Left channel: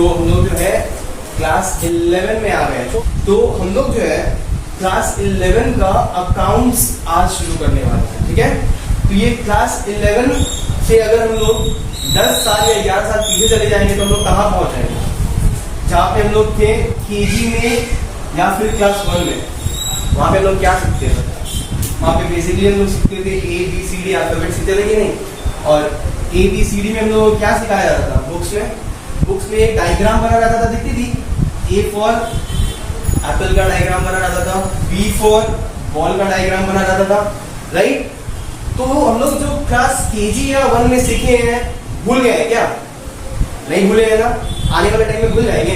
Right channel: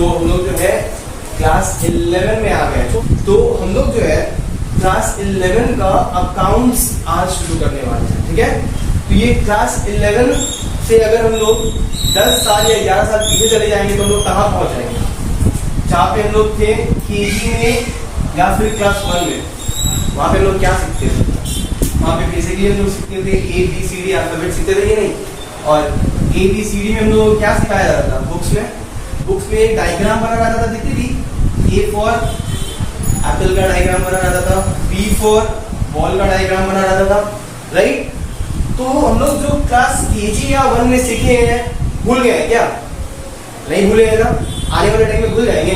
तो हम लोग जो है क्लास 11 में आ गए। तो हम लोग जो है क्लास 11 का अकाउंट्स आज शुरू करने वाले हैं, ठीक है। तो ये क्लास 11 से अगर हम लोग 10 साल या 11 साल पीछे चले जाएंगे तो हम लोग कहाँ पहुंच जाएंगे, जहाँ पे हम लोग थे केजी में या फिर क्लास 1 में। वहां पे हम लोग क्या सीखते थे? वहां पे बेसिकली हम लोग सीखते थे ABCD अल्फाबेट सीखते थे कि नहीं। और ABCD में हम लोग क्या सिखाया जाता था? बुक्स में एक डायग्राम बना रहता था, दिखती थी। A फॉर एप्पल का डायग्राम बना रहता था, B फॉर बॉल का डायग्राम बना रहता था, राइट। तो हम लोग जो क्लास केजी या 1 में सीखे हैं भूल गए क्या? नहीं भूले हैं ना? आने वाले टाइम में भूल जाएंगे?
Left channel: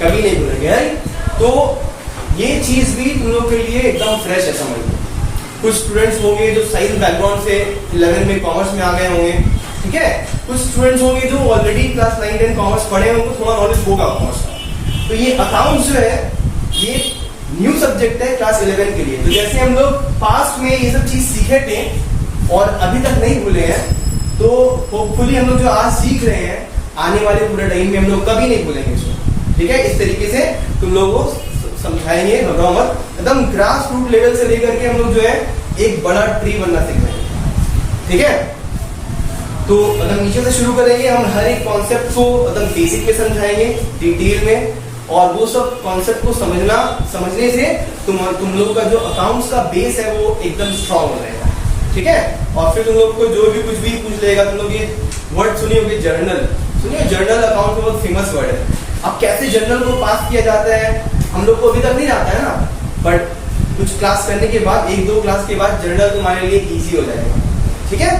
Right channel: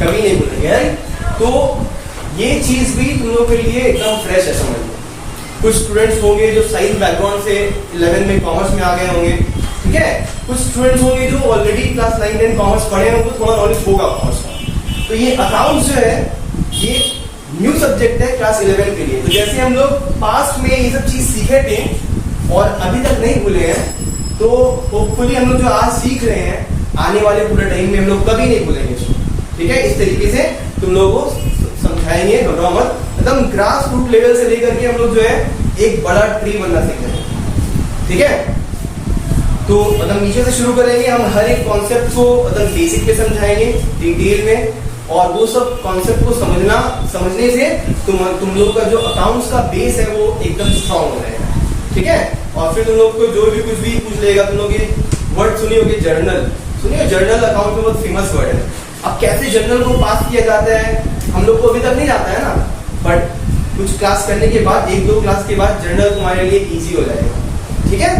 कभी नहीं भूलेंगे, राइट। तो ये चीज भी तुम लोग के लिए एकदम फ्रेश है, समझ लो। कुछ स्टूडेंट्स होंगे जो साइंस बैकग्राउंड से 11 में कॉमर्स में आ गए होंगे, ठीक है। कुछ स्टूडेंट्स होंगे जो ऑलरेडी क्लास 9, 10 कॉमर्स पढ़े हैं, उनको थोड़ा नॉलेज होगा कॉमर्स का। तो ये अकाउंट्स जो है ये न्यू सब्जेक्ट है क्लास 11 के लिए। तो जैसे हम लोग पास्ट में ये सब चीज सीखे थे और अभी तक नहीं भूले हैं, तो होपफुली हम लोग जो आज सीख रहे हैं आने वाले पूरे टाइम में हम लोग कभी नहीं भूलेंगे इसको, ठीक है। इस तरीके से तुम लोगों को समझाएंगे, घबराओ मत। एकदम ग्रास रूट लेवल से लेकर के हम लोग जो है एक बड़ा ट्री बनना सीख रहे हैं, ठीक है। तो मतलब नीचे से शुरू करेंगे, हम हर एक कॉन्सेप्ट को एकदम बेसिक पे समझाएंगे डिटेल में, और वो सब कॉन्सेप्ट को समझने से तुम लोग का जो अकाउंट्स का बेस है वो एकदम स्ट्रांग हो जाएगा, ठीक है। और फिर तुम लोग को जो भी कुछ भी पूछ लेगा, तुम लोग ये वर्ड सुनी होगी जर्नल, सुनिए जर्नल अकाउंट में बहुत फेमस वर्ड है। अब कैसे जर्नल को पास किया जाता है हम लोग को अभी तक नहीं आता है ना, बट कुछ क्लास करने के बाद, 1-2 क्लास के बाद जर्नल तुम्हारे लिए इजी हो जाएगा, ठीक है।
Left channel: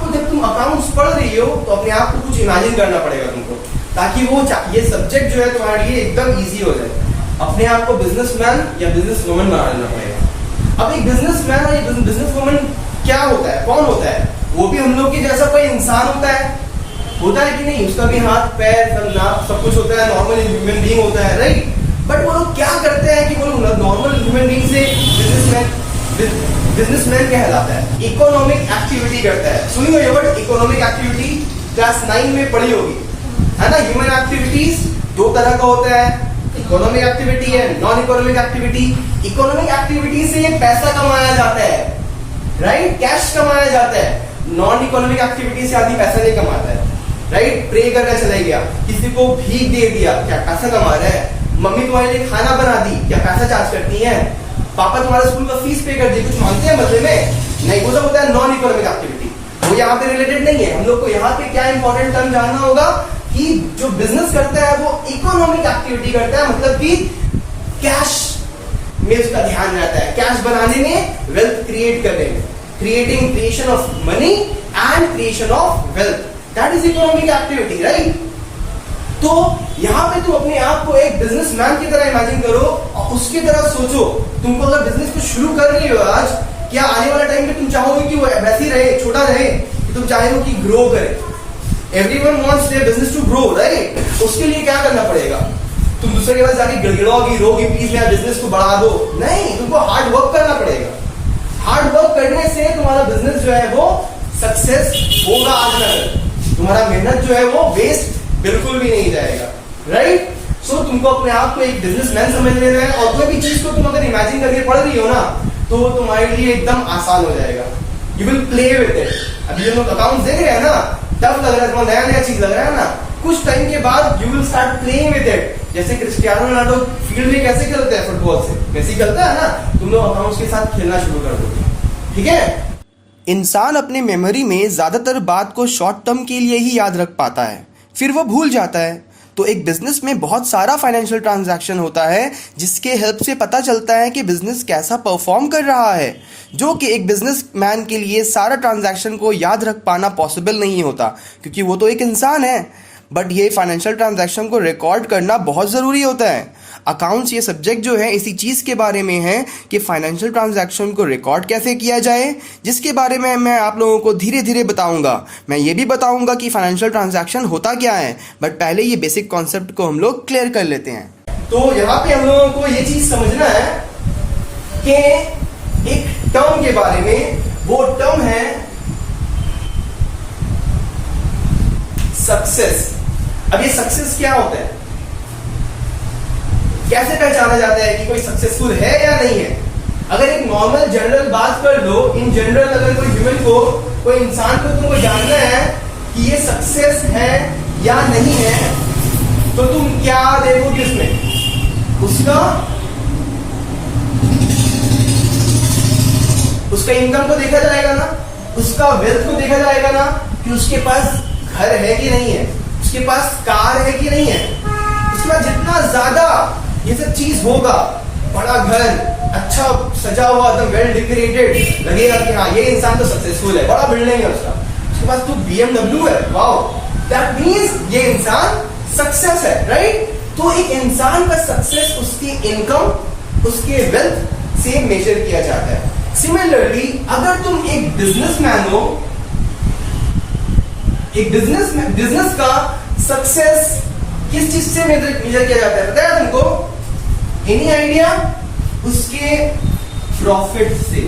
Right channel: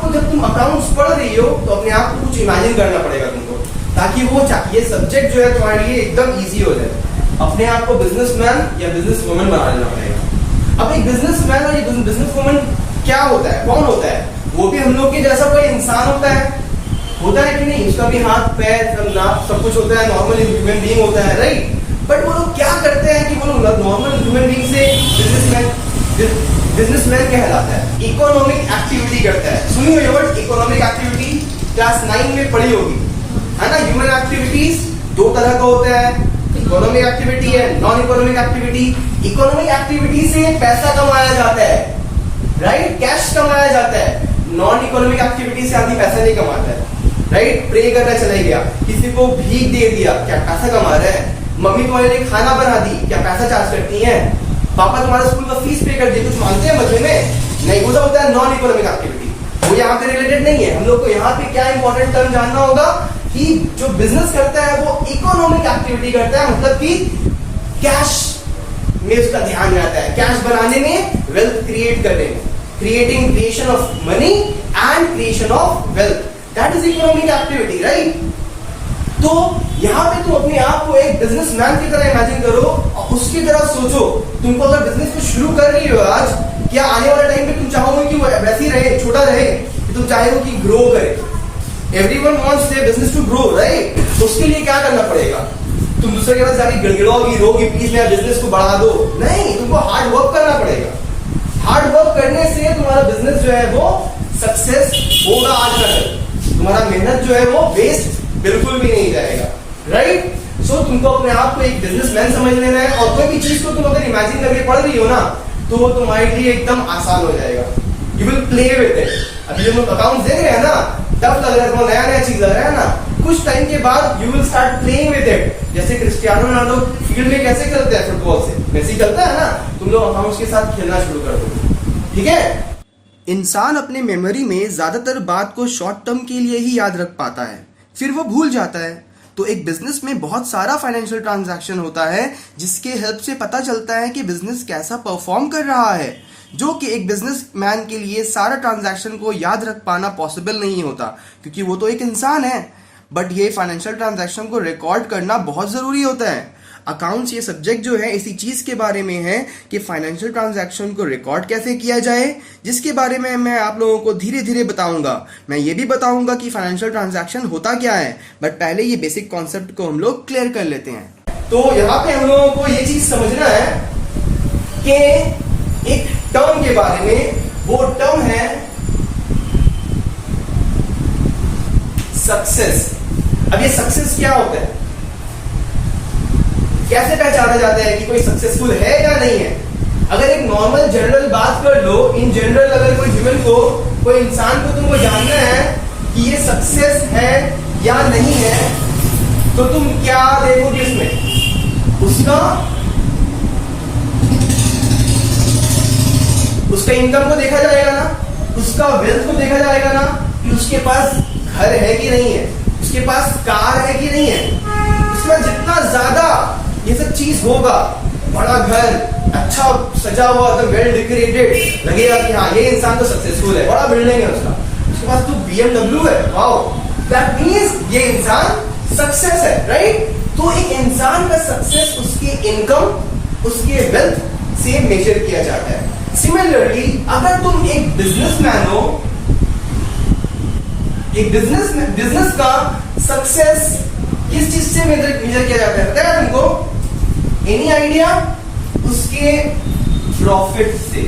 तो जब तुम अकाउंट्स पढ़ रही हो तो अपने आप को कुछ इमेजिन करना पड़ेगा तुमको, ताकि वो ये सब्जेक्ट जो है तुम्हारे लिए एकदम इजी हो जाए। अपने आप को बिजनेसमैन या बिजनेस वुमन बना लेना पड़ेगा। अब एक बिजनेसमैन और एक बिजनेस वुमन क्या होता है, कौन होता है? वो भी हम लोग के जैसा कोई इंसान होता है कि नहीं? उसका भी हाथ पैर सब कुछ होता है, नॉर्मल ह्यूमन बीइंग होता है, राइट। बट वो लोग क्या करते हैं कि वो लोग नॉर्मल ह्यूमन बीइंग से बिजनेसमैन कहलाता है। इकोनॉमिक एक्टिविटी करता है। सुनी हो ये वर्ड इकोनॉमिक एक्टिविटी? क्लास 9 में पढ़ी होगी, है ना। ह्यूमन एक्टिविटीज 2 तरह का होता है, इकोनॉमिक एक्टिविटी है, non economic activity. Economic activity से पैसा कमाया जाता है, राइट, कैश कमाया जाता है। नॉन इकोनॉमिक एक्टिविटी से आदमी पैसा नहीं कमाता है, राइट। प्रे करना चले गया, किसी को भीख दे दिया, क्या पैसा कमा रहा है? मम्मी तुम्हारे लिए खाना बना दी, क्या पैसा चार्ज करती है? पापा तुम्हारे स्कूल का फीस पे कर दी, कुछ मांगते हैं बदले में? नहीं, वो सब होता है नॉन इकोनॉमिक एक्टिविटी, वो यहाँ पे रिलेटेड नहीं है। हम लोग को यहाँ पे क्या इंपॉर्टेंट टर्म जानना होगा कि जो बिजनेस करता है वो इकोनॉमिक एक्टिविटी करता है, मतलब कि कैश में उसका ध्यान रहता है, कैश बनाने में, वेल्थ क्रिएट करने में, creation of money and creation of wealth, that is economic activity, right. तो यहाँ पे तुम अपने आप को एक बिजनेसमैन की तरह इमेजिन करो और उसकी तरह सोचो। तुमको अगर बिजनेस को शुरू कर रही हो आज, क्या आने वाले टाइम में तुम चाहोगे कि वो वैसी रहे, छोटा रहे, कि तुम चाहे कि ग्रो करे? Everyone wants their business to grow, right. उसके लिए क्या करना पड़ेगा? तुम दूसरे के पास जाके गिड़गिड़ाओगी, रोगी, प्लीज मेरा बिजनेस को बढ़ा दो? नहीं, तुमको हार्ड वर्क करना पड़ेगा। हार्ड वर्क करने से तुम्हारा बिजनेस जो है वो सक्सेस होगा आज ना कल। तुम्हारा मेहनत जो है वो वेस्ट बिल्कुल भी नहीं जाएगा, राइट। सो तुमको अपने आप को एक बिजनेसमैन समझ लेना है, और कोई भी चीज को तुम अगर इमेजिन करके पढ़ रही हो ना, तो वो तुम्हारे लिए एकदम आसान हो जाएगा। You will play with it. अभी जब हम अकाउंट देख रहे हैं ना, टफ लग रहा है, थोड़ा नया चीज लग रहा है ना, कुछ टाइम के बाद you will start playing with it. जैसे क्रिस्टियानो रोनाल्डो फील्ड में कैसे खेलते हैं फुटबॉल से, वैसे ही खेलता है ना, तुम लोग अकाउंट्स के साथ खेलना शुरू कर दो, ठीक है। इंसान अपने मेमोरी में ज्यादातर बात को शॉर्ट टर्म के लिए ही याद रख पाता है, फिर वो भूल जाता है। तो एक बिजनेस में बहुत सारा फाइनेंशियल ट्रांजैक्शन होता है जिसके हेल्प से पता चलता है कि बिजनेस कैसा परफॉर्म कर रहा है, जो कि एक बिजनेसमैन के लिए सारा ट्रांजैक्शन को याद रख पाना पॉसिबल नहीं होता, क्योंकि वो तो एक इंसान है। बट ये फाइनेंशियल ट्रांजैक्शन को रिकॉर्ड करना बहुत ज़रूरी होता है। अकाउंट्स ये सब्जेक्ट जो है इसी चीज़ के बारे में है कि फाइनेंशियल ट्रांजैक्शन को रिकॉर्ड कैसे किया जाए, जिसके बारे में मैं आप लोगों को धीरे धीरे बताऊंगा। मैं ये भी बताऊंगा कि फाइनेंशियल ट्रांजैक्शन होता क्या है, बट पहले ये बेसिक कॉन्सेप्ट को हम लोग क्लियर कर लेते हैं। तो यहाँ पे हम लोगों को ये चीज समझना है कि एक टर्म के बारे में, वो टर्म है सक्सेस। अब ये सक्सेस क्या होता है, कैसे पहचाना जाता है कि कोई सक्सेसफुल है या नहीं है? अगर एक नॉर्मल जनरल बात कर लो, इन जनरल अगर कोई ह्यूमन को, कोई इंसान को तुमको जानना है कि ये सक्सेस है या नहीं है, तो तुम क्या देखोगे उसमें? उसका इनकम को देखा जाएगा ना, उसका वेल्थ को देखा जाएगा ना, कि उसके पास घर है कि नहीं है, उसके पास कार है कि नहीं है। उसके बाद जितना ज्यादा ये सब चीज होगा, बड़ा घर, अच्छा सजा हुआ, एकदम वेल डेकोरेटेड, लगेगा कि हाँ ये इंसान तो सक्सेसफुल है, बड़ा बिल्डिंग है उसका, उसके पास तो BMW है, वाओ, दैट मीन्स ये इंसान सक्सेस है, राइट? तो एक इंसान का सक्सेस उसकी इनकम, उसके वेल्थ से मेजर किया जाता है। सिमिलरली अगर तुम एक बिजनेसमैन हो, एक बिजनेस का सक्सेस किस चीज से मेजर किया जाता है, पता है तुमको? Any idea? उसके प्रॉफिट से,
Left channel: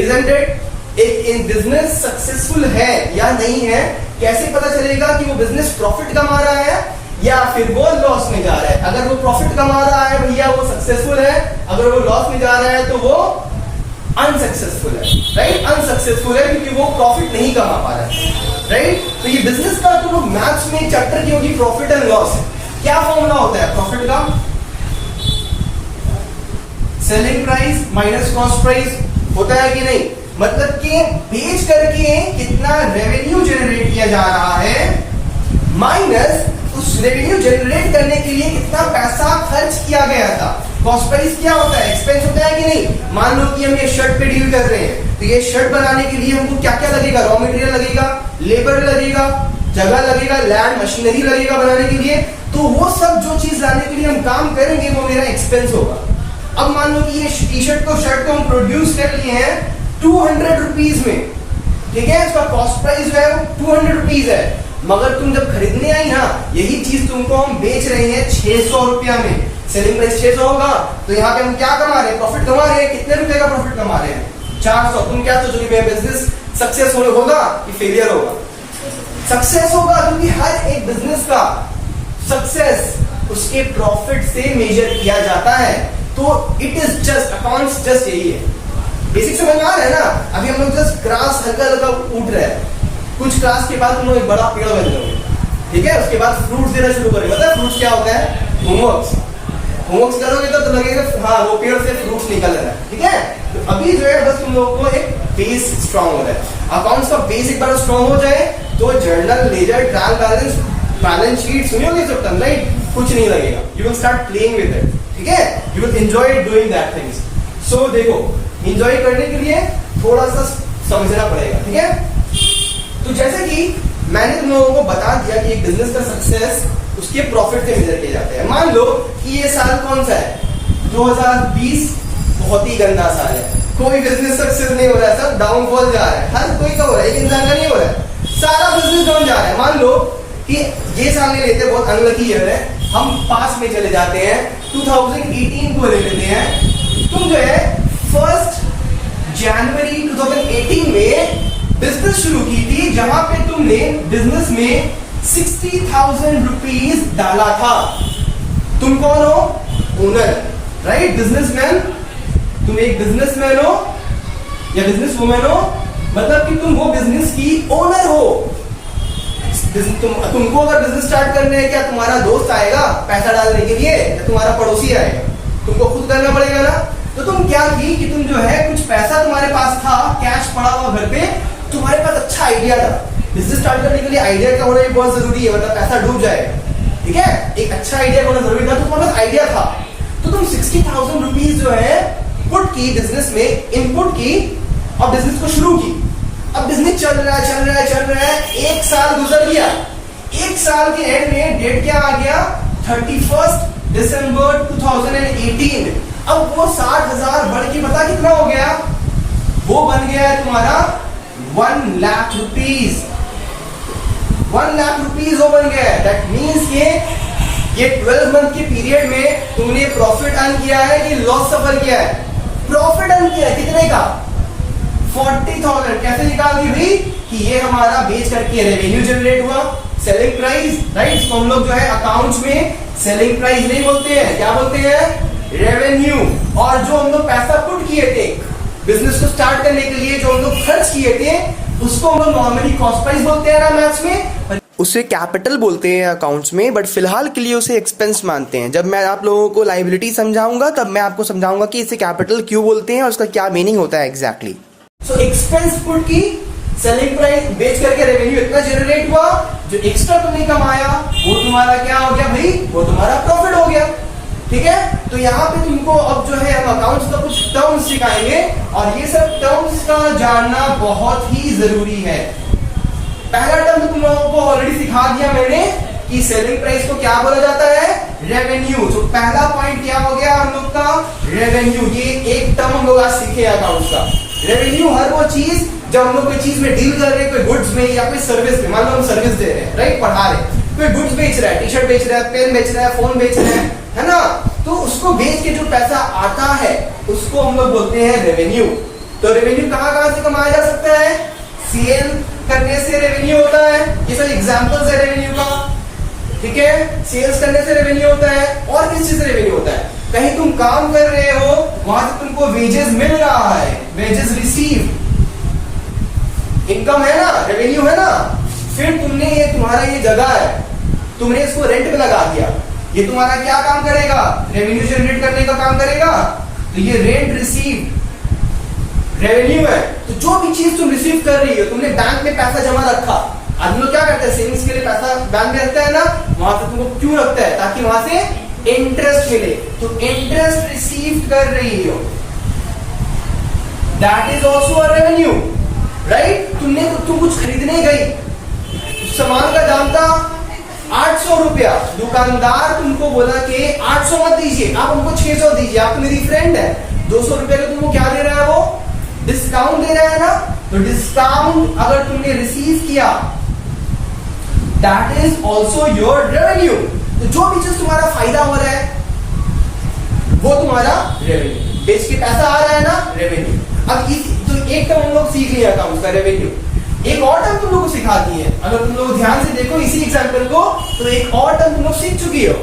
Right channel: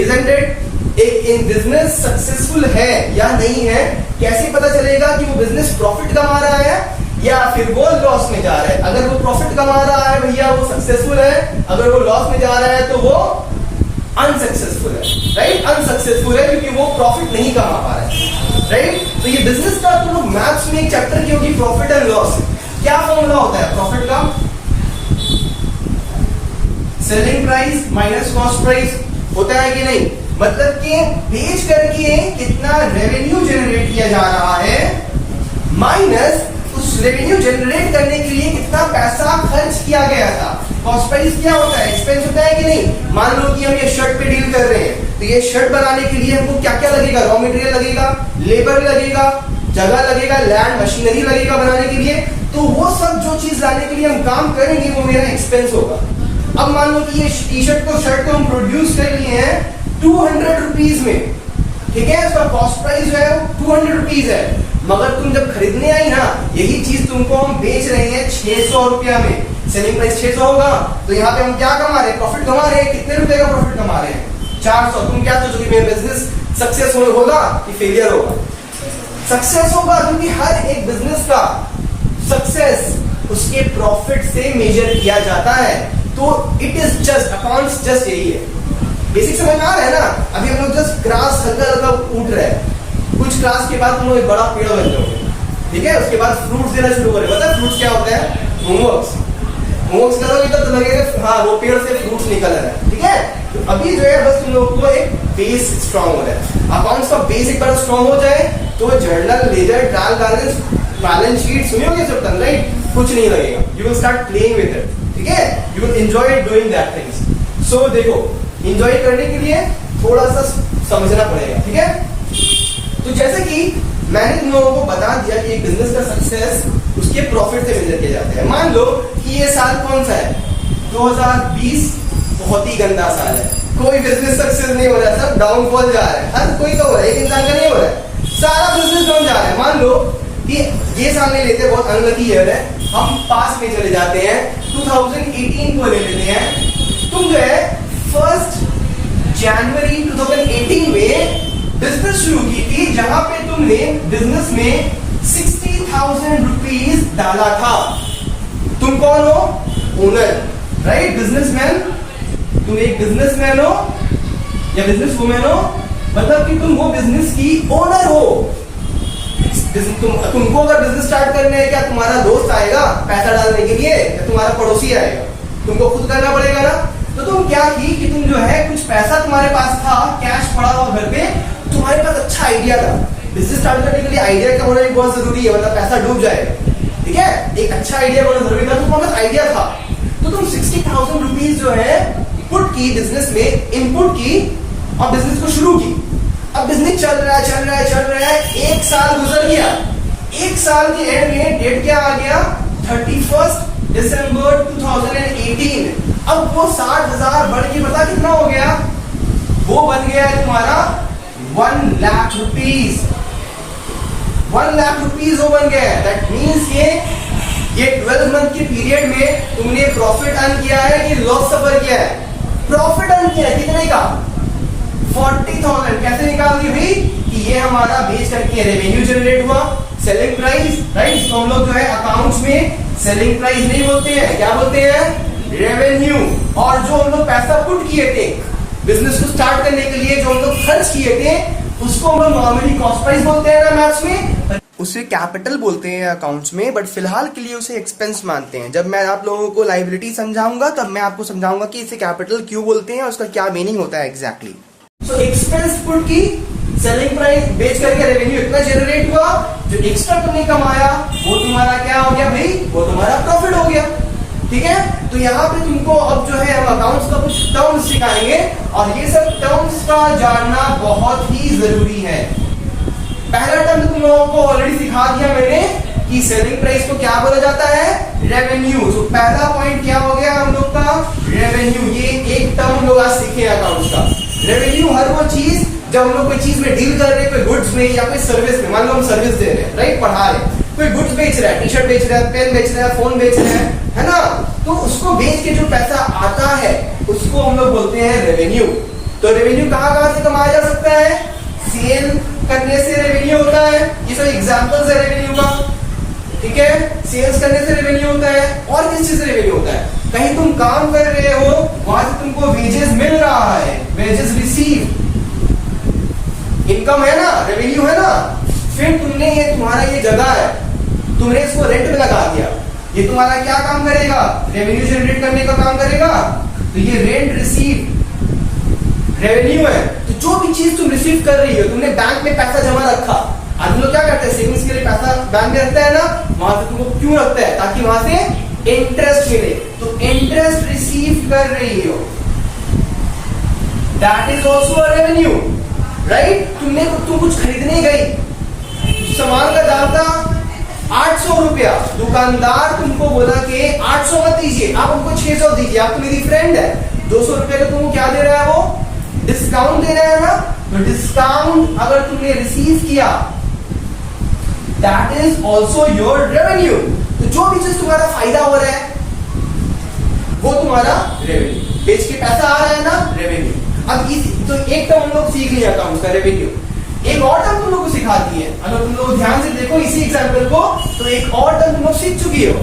इजंट इट? एक बिजनेस सक्सेसफुल है या नहीं है कैसे पता चलेगा कि वो बिजनेस प्रॉफिट कमा रहा है या फिर वो लॉस में जा रहा है? अगर वो प्रॉफिट कमा रहा है भैया वो सक्सेसफुल है, अगर वो लॉस में जा रहा है तो वो अनसक्सेसफुल है, राइट? अनसक्सेसफुल है क्योंकि वो प्रॉफिट नहीं कमा पा रहा है, राइट? तो ये बिजनेस का तो मैथ्स में एक चैप्टर की होगी प्रॉफिट एंड लॉस। क्या फॉर्मूला होता है प्रॉफिट का? Selling price minus cost price, होता है कि नहीं? मतलब कि बेच करके कितना रेवेन्यू जनरेट किया जा रहा है, माइनस उस रेवेन्यू जनरेट करने के लिए कितना पैसा खर्च किया गया था। कॉस्ट प्राइस क्या होता है? एक्सपेंस होता है कि नहीं? मान लो कि हम ये शर्ट पे डील कर रहे हैं, तो ये शर्ट बनाने के लिए हमको क्या क्या लगेगा? रॉ मटेरियल लगेगा, लेबर लगेगा, जगह लगेगा, लैंड, मशीनरी लगेगा बनाने के लिए। तो वो सब जो चीज लाने के लिए हम काम करेंगे वो मेरा एक्सपेंस होगा। अब मान लो कि ये टी शर्ट को, शर्ट को हम प्रोड्यूस कर लिए हैं 200 रुपीज में, ठीक है? इसका कॉस्ट प्राइस जो है 200 रुपीज है, मगर तुम जब खरीदने आई ना, यही चीज तुमको हम बेच रहे हैं 600 रुपया में, सेलिंग प्राइस 600 होगा, तो यहाँ पे हम क्या कमा रहे हैं? प्रॉफिट कमा रहे हैं। कितने रुपए का प्रॉफिट कमा रहे हैं? 400। तुम क्या सोचोगे मेरा बिजनेस सक्सेस होगा कि फेलियर होगा? सक्सेस होगा, क्योंकि हर एक बिजनेस का सक्सेस उसके प्रॉफिट से मेजर किया जाता है। तो it is just accounts, just यही है। बेसिक समझ में आ रहा है ना? अभी हम लोग जस्ट ग्रास हल्का हल्का उठ रहे हैं, कुछ क्लास के बाद तुम लोग एक बड़ा पेड़ बन जाओगे, ठीक है? उसके बाद फ्रूट्स देना शुरू करें। पता है फ्रूट्स क्या होता है? होमवर्क्स करोगे तो लगेगा हाँ वो पेड़ से फ्रूट्स निकल रहा है, ठीक है? तो अभी जो है बस तुम लोग को एक बेस स्ट्रांग हो रहा है। अकाउंट्स का बेस एक बार स्ट्रांग हो जाए तो journal, ledger, trial balance, balance sheet सुनियोगे सब टर्म, राइट? कुछ नहीं लगेगा। You will start playing with it, ठीक है? You will enjoy doing that things. So देखो, एंजॉय करने के लिए थोड़ा सा समझना पड़ेगा, ठीक है? तो जैसे कि मैंने तुम लोगों को बता दिया कि एक बिजनेस का सक्सेस उसके प्रॉफिट से मेजर किए जाते हैं। मान लो कि ये साल कौन सा है? 2020 बहुत ही गंदा साल है, कोई बिजनेस सक्सेस नहीं हो रहा है, सब डाउनफॉल जा रहा है। हर कोई का हो रहा है, एक इंसान का नहीं हो रहा है, सारा बिजनेस डाउन जा रहा है। मान लो कि ये साल नहीं लेते, बहुत अनलकी ईयर है, हम पास में चले जाते हैं, 2018 को ले लेते हैं। तुम जो है 1 जनवरी 2018 में बिजनेस शुरू की थी, जहां पे तुमने बिजनेस में 60,000 रुपीज डाला था। तुम कौन हो? Owner, right? बिजनेसमैन। तुम एक बिजनेसमैन हो या बिजनेस वुमेन हो, मतलब कि तुम वो बिजनेस की ओनर हो। तुमको अगर बिजनेस स्टार्ट करने है, क्या तुम्हारा दोस्त आएगा पैसा डालने के लिए या तुम्हारा पड़ोसी आएगा? तुमको खुद करना पड़ेगा ना। तो तुम क्या की कि तुम जो है कुछ पैसा तुम्हारे पास था, कैश पड़ा हुआ घर पे, तुम्हारे पास अच्छा आइडिया था। बिजनेस स्टार्ट करने के लिए आइडिया का होना भी बहुत जरूरी है, वरना पैसा डूब जाएगा, ठीक है? एक अच्छा आइडिया होना जरूरी था, तो तुम्हारे पास आइडिया था, तो तुम 60,000 रुपीज जो है पुट की बिजनेस में, इनपुट की और बिजनेस को शुरू की। अब बिजनेस चल रहा है, 1 साल गुजर गया। 1 साल के एंड में डेट क्या आ गया? 31 दिसंबर 2018। अब वो 60,000 बढ़ के पता कितना हो गया? वो बन गया है तुम्हारा 1 लाख रुपीज। 1 लाख रुपीज वो बन गया है। दैट मीन्स ये 12 मंथ के पीरियड में तुमने प्रॉफिट अर्न किया है कि लॉस सफर किया है? प्रॉफिट अर्न किया है। कितने का? 40,000। कैसे निकाल दी भाई? कि ये हमारा बेच करके रेवेन्यू जनरेट हुआ, सेलिंग प्राइस, राइट। तो हम लोग जो है अकाउंट्स में सेलिंग प्राइस नहीं बोलते हैं, क्या बोलते हैं, रेवेन्यू। और जो हम लोग पैसा पुट किए थे बिजनेस को स्टार्ट करने के लिए, जो हम लोग खर्च किए थे, उसको हम लोग नॉर्मली कॉस्ट प्राइस बोलते हैं ना मैथ्स में, उसे कैपिटल बोलते हैं अकाउंट्स में, बट फिलहाल के लिए उसे एक्सपेंस मानते हैं। जब मैं आप लोगों को लायबिलिटी समझाऊंगा तब मैं आपको समझाऊंगा कि इसे कैपिटल क्यों बोलते हैं और उसका क्या मीनिंग होता है एग्जैक्टली। सो एक्सपेंस पुट की सेलिंग प्राइस बेच करके रेवेन्यू इतना जनरेट हुआ, जो एक्स्ट्रा तुमने कमाया वो तुम्हारा क्या हो गया भाई, वो तुम्हारा प्रॉफिट हो गया। ठीक है, तो यहाँ पे तुमको अब जो है हम अकाउंट्स का कुछ टर्म्स सिखाएंगे और ये सब टर्म्स का जानना बहुत ही जरूरी है। पहला टर्म तो तुम लोगों को ऑलरेडी सिखा दिया मैंने कि सेलिंग प्राइस को क्या बोला जाता है, रेवेन्यू। तो पहला पॉइंट क्या हो गया हम लोग का, रेवेन्यू। ये एक टर्म हम लोग आज सीखे अकाउंट्स का। रेवेन्यू हर वो चीज जब हम लोग कोई चीज में डील कर रहे हैं, कोई गुड्स में या कोई सर्विस में, मान लो हम सर्विस दे रहे हैं, राइट, पढ़ा रहे हैं, कोई गुड्स बेच रहा है, टी शर्ट बेच रहा है, पेन बेच रहा है, फोन बेच रहा है ना, तो उसको बेच के जो पैसा आता है उसको हम लोग बोलते हैं रेवेन्यू। तो रेवेन्यू कहां कहां से कमाया जा सकता है, सेल करने से रेवेन्यू होता है, ये सब एग्जांपल्स है रेवेन्यू का। ठीक है, सेल्स करने से रेवेन्यू होता है। और किस चीज से रेवेन्यू होता है, कहीं तुम काम कर रहे हो, वहां से तुमको वेजेस मिल रहा है, वेजेस रिसीव, इनकम है ना, रेवेन्यू है ना। फिर तुमने ये तुम्हारा ये जगह है, तुमने इसको रेंट में लगा दिया, ये तुम्हारा क्या काम करेगा, रेवेन्यू जनरेट करने का काम करेगा। तो ये रेंट रिसीव रेवेन्यू है। तो जो भी चीज तुम रिसीव कर रही हो, तुमने बैंक में पैसा जमा रखा, आदमी लोग क्या करते हैं, सेविंग्स के लिए पैसा बैंक में रखता है ना, वहां से तुमको क्यों रखता है, ताकि वहां से इंटरेस्ट मिले। तो इंटरेस्ट रिसीव कर रही हो, that is also a revenue, right. तुम कुछ खरीदने गई, सामान का दाम था 800 रुपया, दुकानदार तुमको बोला कि 800 मत दीजिए, आप हमको 600 दीजिए, आप तो मेरी फ्रेंड है, 200 रुपया का तुमको क्या दे रहा है, वो डिस्काउंट दे रहा है ना। तो डिस्काउंट अगर तुमने रिसीव किया, that is also your revenue. तो जो भी चीज तुम्हारा फायदा हो रहा है वो तुम्हारा रेवेन्यू, बेच के पैसा आ रहा है ना, रेवेन्यू। अब तो एक टर्म हम लोग सीख लिया अकाउंट्स का, रेवेन्यू। एक और टर्म तुम लोग को सिखा दी है, अगर तुम लोग ध्यान से देखो इसी एग्जाम्पल को, तो एक और टर्म तुम लोग सीख चुकी हो,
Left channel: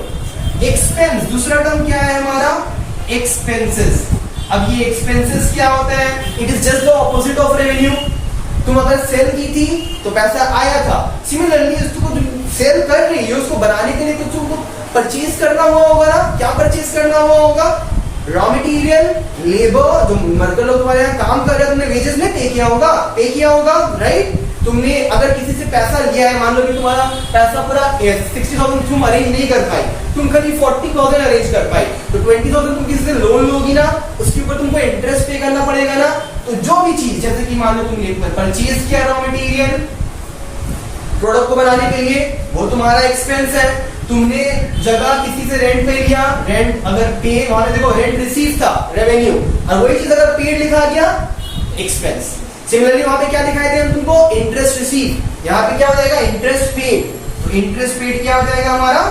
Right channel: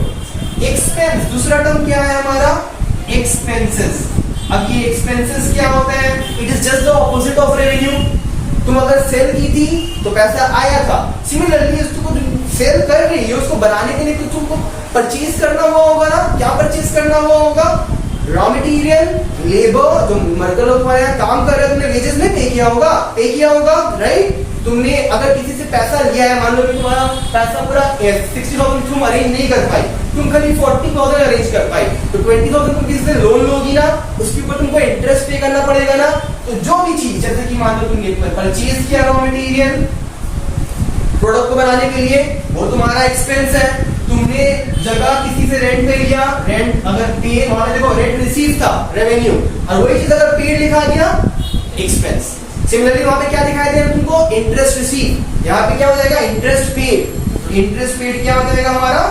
एक्सपेंस। दूसरा टर्म क्या है हमारा, एक्सपेंसेस। अब ये एक्सपेंसेस क्या होता है, it is just the opposite of revenue. तुम अगर सेल की थी तो पैसा आया था, सिमिलरली उसको सेल कर रही है, उसको बनाने के लिए कुछ तुमको परचेज करना हुआ होगा ना। क्या परचेज करना हुआ होगा, रॉ मटेरियल, लेबर, जो वर्कर लोग तुम्हारे यहाँ काम कर रहे हैं, तुमने वेजेस में पे किया होगा, राइट। तुमने अगर किसी से पैसा लिया है, मान लो कि तुम्हारा पैसा पूरा 60,000 तुम अरेंज नहीं कर पाई, तुम खाली 40,000 अरेंज कर पाई, तो 20,000 तुम किसी से लोन लोगी ना, उसके ऊपर तुमको इंटरेस्ट पे करना पड़ेगा ना। तो जो भी चीज, जैसे कि मान लो तुमने परचेज किया रॉ मटेरियल प्रोडक्ट को बनाने के लिए, वो तुम्हारा एक्सपेंस है। तुमने जगह किसी से रेंट पे लिया, रेंट अगर पे, वहां देखो रेंट रिसीव था, रेवेन्यू, और वही चीज अगर पेड लिखा गया, एक्सपेंस। सिमिलरली वहां पे क्या दिखाई दिया तुमको, इंटरेस्ट रिसीव, यहाँ पे क्या हो जाएगा, इंटरेस्ट पेड। इंटरेस्ट पेड क्या हो जाएगा हमारा,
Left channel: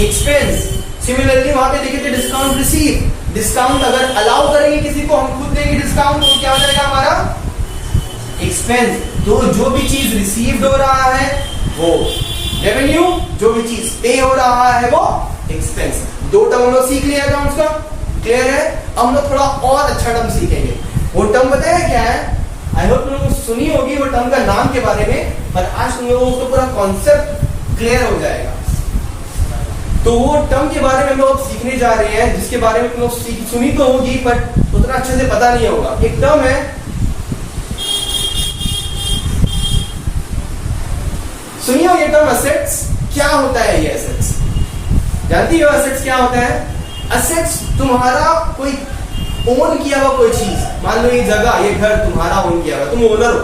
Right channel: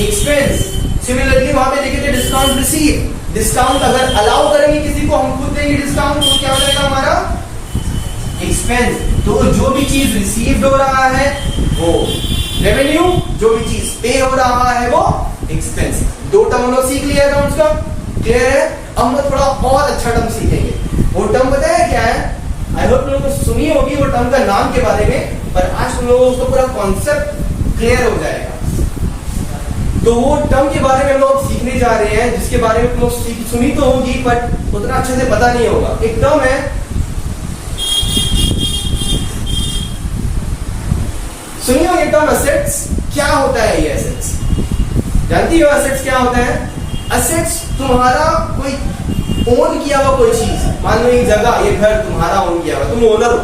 एक्सपेंस। सिमिलरली वहां पे देखे थे डिस्काउंट रिसीव, डिस्काउंट अगर अलाउ करेंगे किसी को, हम खुद देंगे डिस्काउंट, तो क्या हो जाएगा हमारा, एक्सपेंस। तो जो भी चीज रिसीव्ड हो रहा है वो रेवेन्यू, जो भी चीज पे हो रहा है वो एक्सपेंस। दो टर्म हम लोग सीख लिया अकाउंट्स का, क्लियर है। अब हम लोग थोड़ा और अच्छा टर्म सीखेंगे। वो टर्म बताया क्या है, आई होप तुम लोगों को सुनी होगी वो टर्म का नाम के बारे में, पर आज तुम लोगों को पूरा कॉन्सेप्ट क्लियर हो जाएगा। तो वो टर्म के बारे में हम लोग सीखने जा रहे हैं, जिसके बारे में तुम लोग सुनी तो होगी बट उतना अच्छे से पता नहीं होगा। एक टर्म है, सुनिए ये टर्म असेट्स। क्या होता है ये असेट्स, जानती हो असेट्स क्या होता है? असेट्स तुम्हारा कोई ओन किया हुआ कोई चीज, मान लो ये जगह, ये घर तुम्हारा ओन किया हुआ, तुम ओनर हो।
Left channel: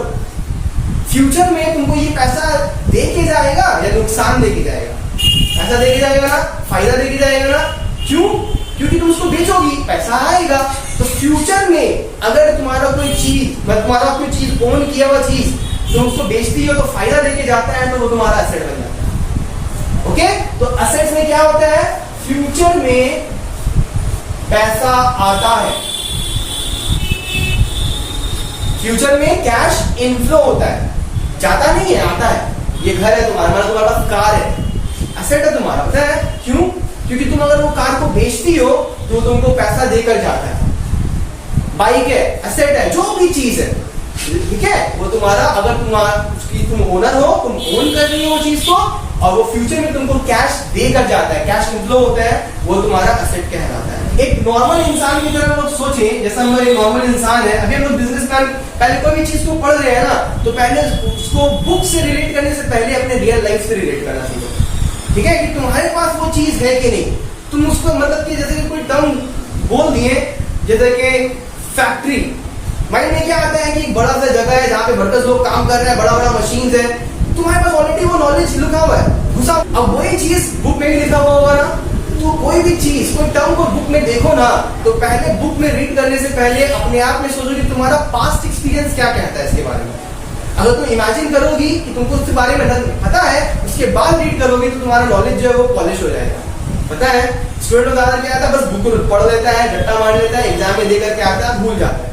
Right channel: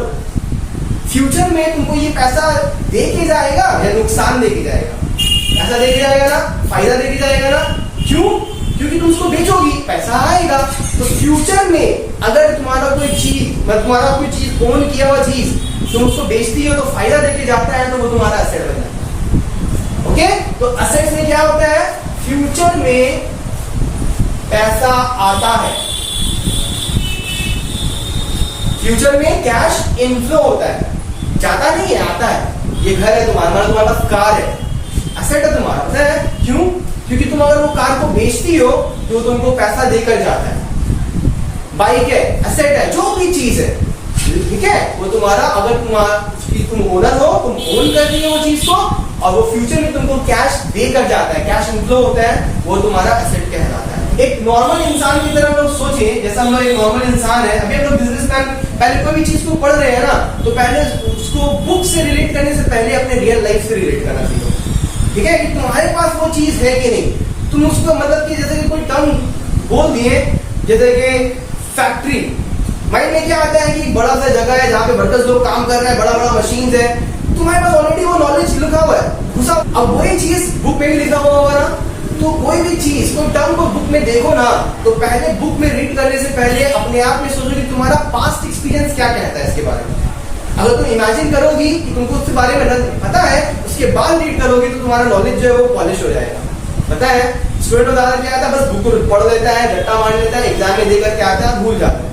फ्यूचर में तुमको ये पैसा दे के जाएगा या नुकसान दे के जाएगा? पैसा दे के जाएगा ना, फायदा दे के जाएगा ना। क्यों? क्योंकि तुम उसको बेचोगी, पैसा आएगा। तो फ्यूचर में अगर तुम्हारा कोई चीज, तुम्हारा कोई चीज ओन किया हुआ चीज तुम उसको बेचती हो तो फायदा देके जाता है, तो वो तुम्हारा असेट बन जाता है। ओके, तो असेट्स में क्या होता है, फ्यूचर में पैसा आता है, फ्यूचर में कैश इनफ्लो होता है, जाता नहीं है, आता है। ये घर है तुम्हारा, तुम्हारे पास कार है, एसेट है तुम्हारा, पता है क्यों? क्योंकि तुम अगर वो कार को बेचती हो तो तुमको पैसा देकर जाता है। बाइक है, एसेट है, जो भी चीज है, ठीक है, वो तुम्हारा, अगर तुम ओनर हो, तुम ओन कर रही हो वो चीज को, और वो फ्यूचर में तुमको कैश देकर जाता है, कैश इनफ्लो होता है, वो तुम्हारा एसेट कहलाता है। एक नॉर्मल इंसान की तरह हम लोग सोचें, जैसा हम लोग एक नॉर्मल इंसान है, अभी हम लोग बिजनेसमैन, पहले कोई भी चीज को पढ़ रहे हैं ना, तो पहले उसको बुक से रिलेट करने से पहले अपने रियल लाइफ से रिलेट करना सीखो, ठीक है, कि तुम्हारे पास वो चीज है कि नहीं। तुम उसको मतलब कि जैसे कि कोई टर्म बोल दिए, जैसे कि फैक्ट्री, माइंड में क्या आता है कि बड़ा सा जगह है जहाँ पे वर्कर्स लोग काम कर रहे हैं, बड़ा बड़ा मशीन है, तुम्हारे पास ऑलरेडी वो नॉलेज लिखा हुआ है, घुसा। अब वही चीज बुक में भी लिखा हुआ होगा ना, तो कोई भी चीज, कोई टर्म को बुक में देखो ना, तो पहले बुक में रीड करने से पहले अपने आप में सोचो कि तुम्हारा पास्ट एक्सपीरियंस क्या कहता है इसके बारे में। अगर तुम इमेजिन करोगी कि तुमको उसके बारे में पता है, उसके बाद रीड करोगी तो तुम्हारा नॉलेज जो है वो पॉलिश हो जाएगा। पता है स्टूडेंट उदाहरण क्या आता है, बस बुक पढ़ लेता है, रट्टा मार लेता है, एग्जाम में देकर के आता है, भूल जाता है।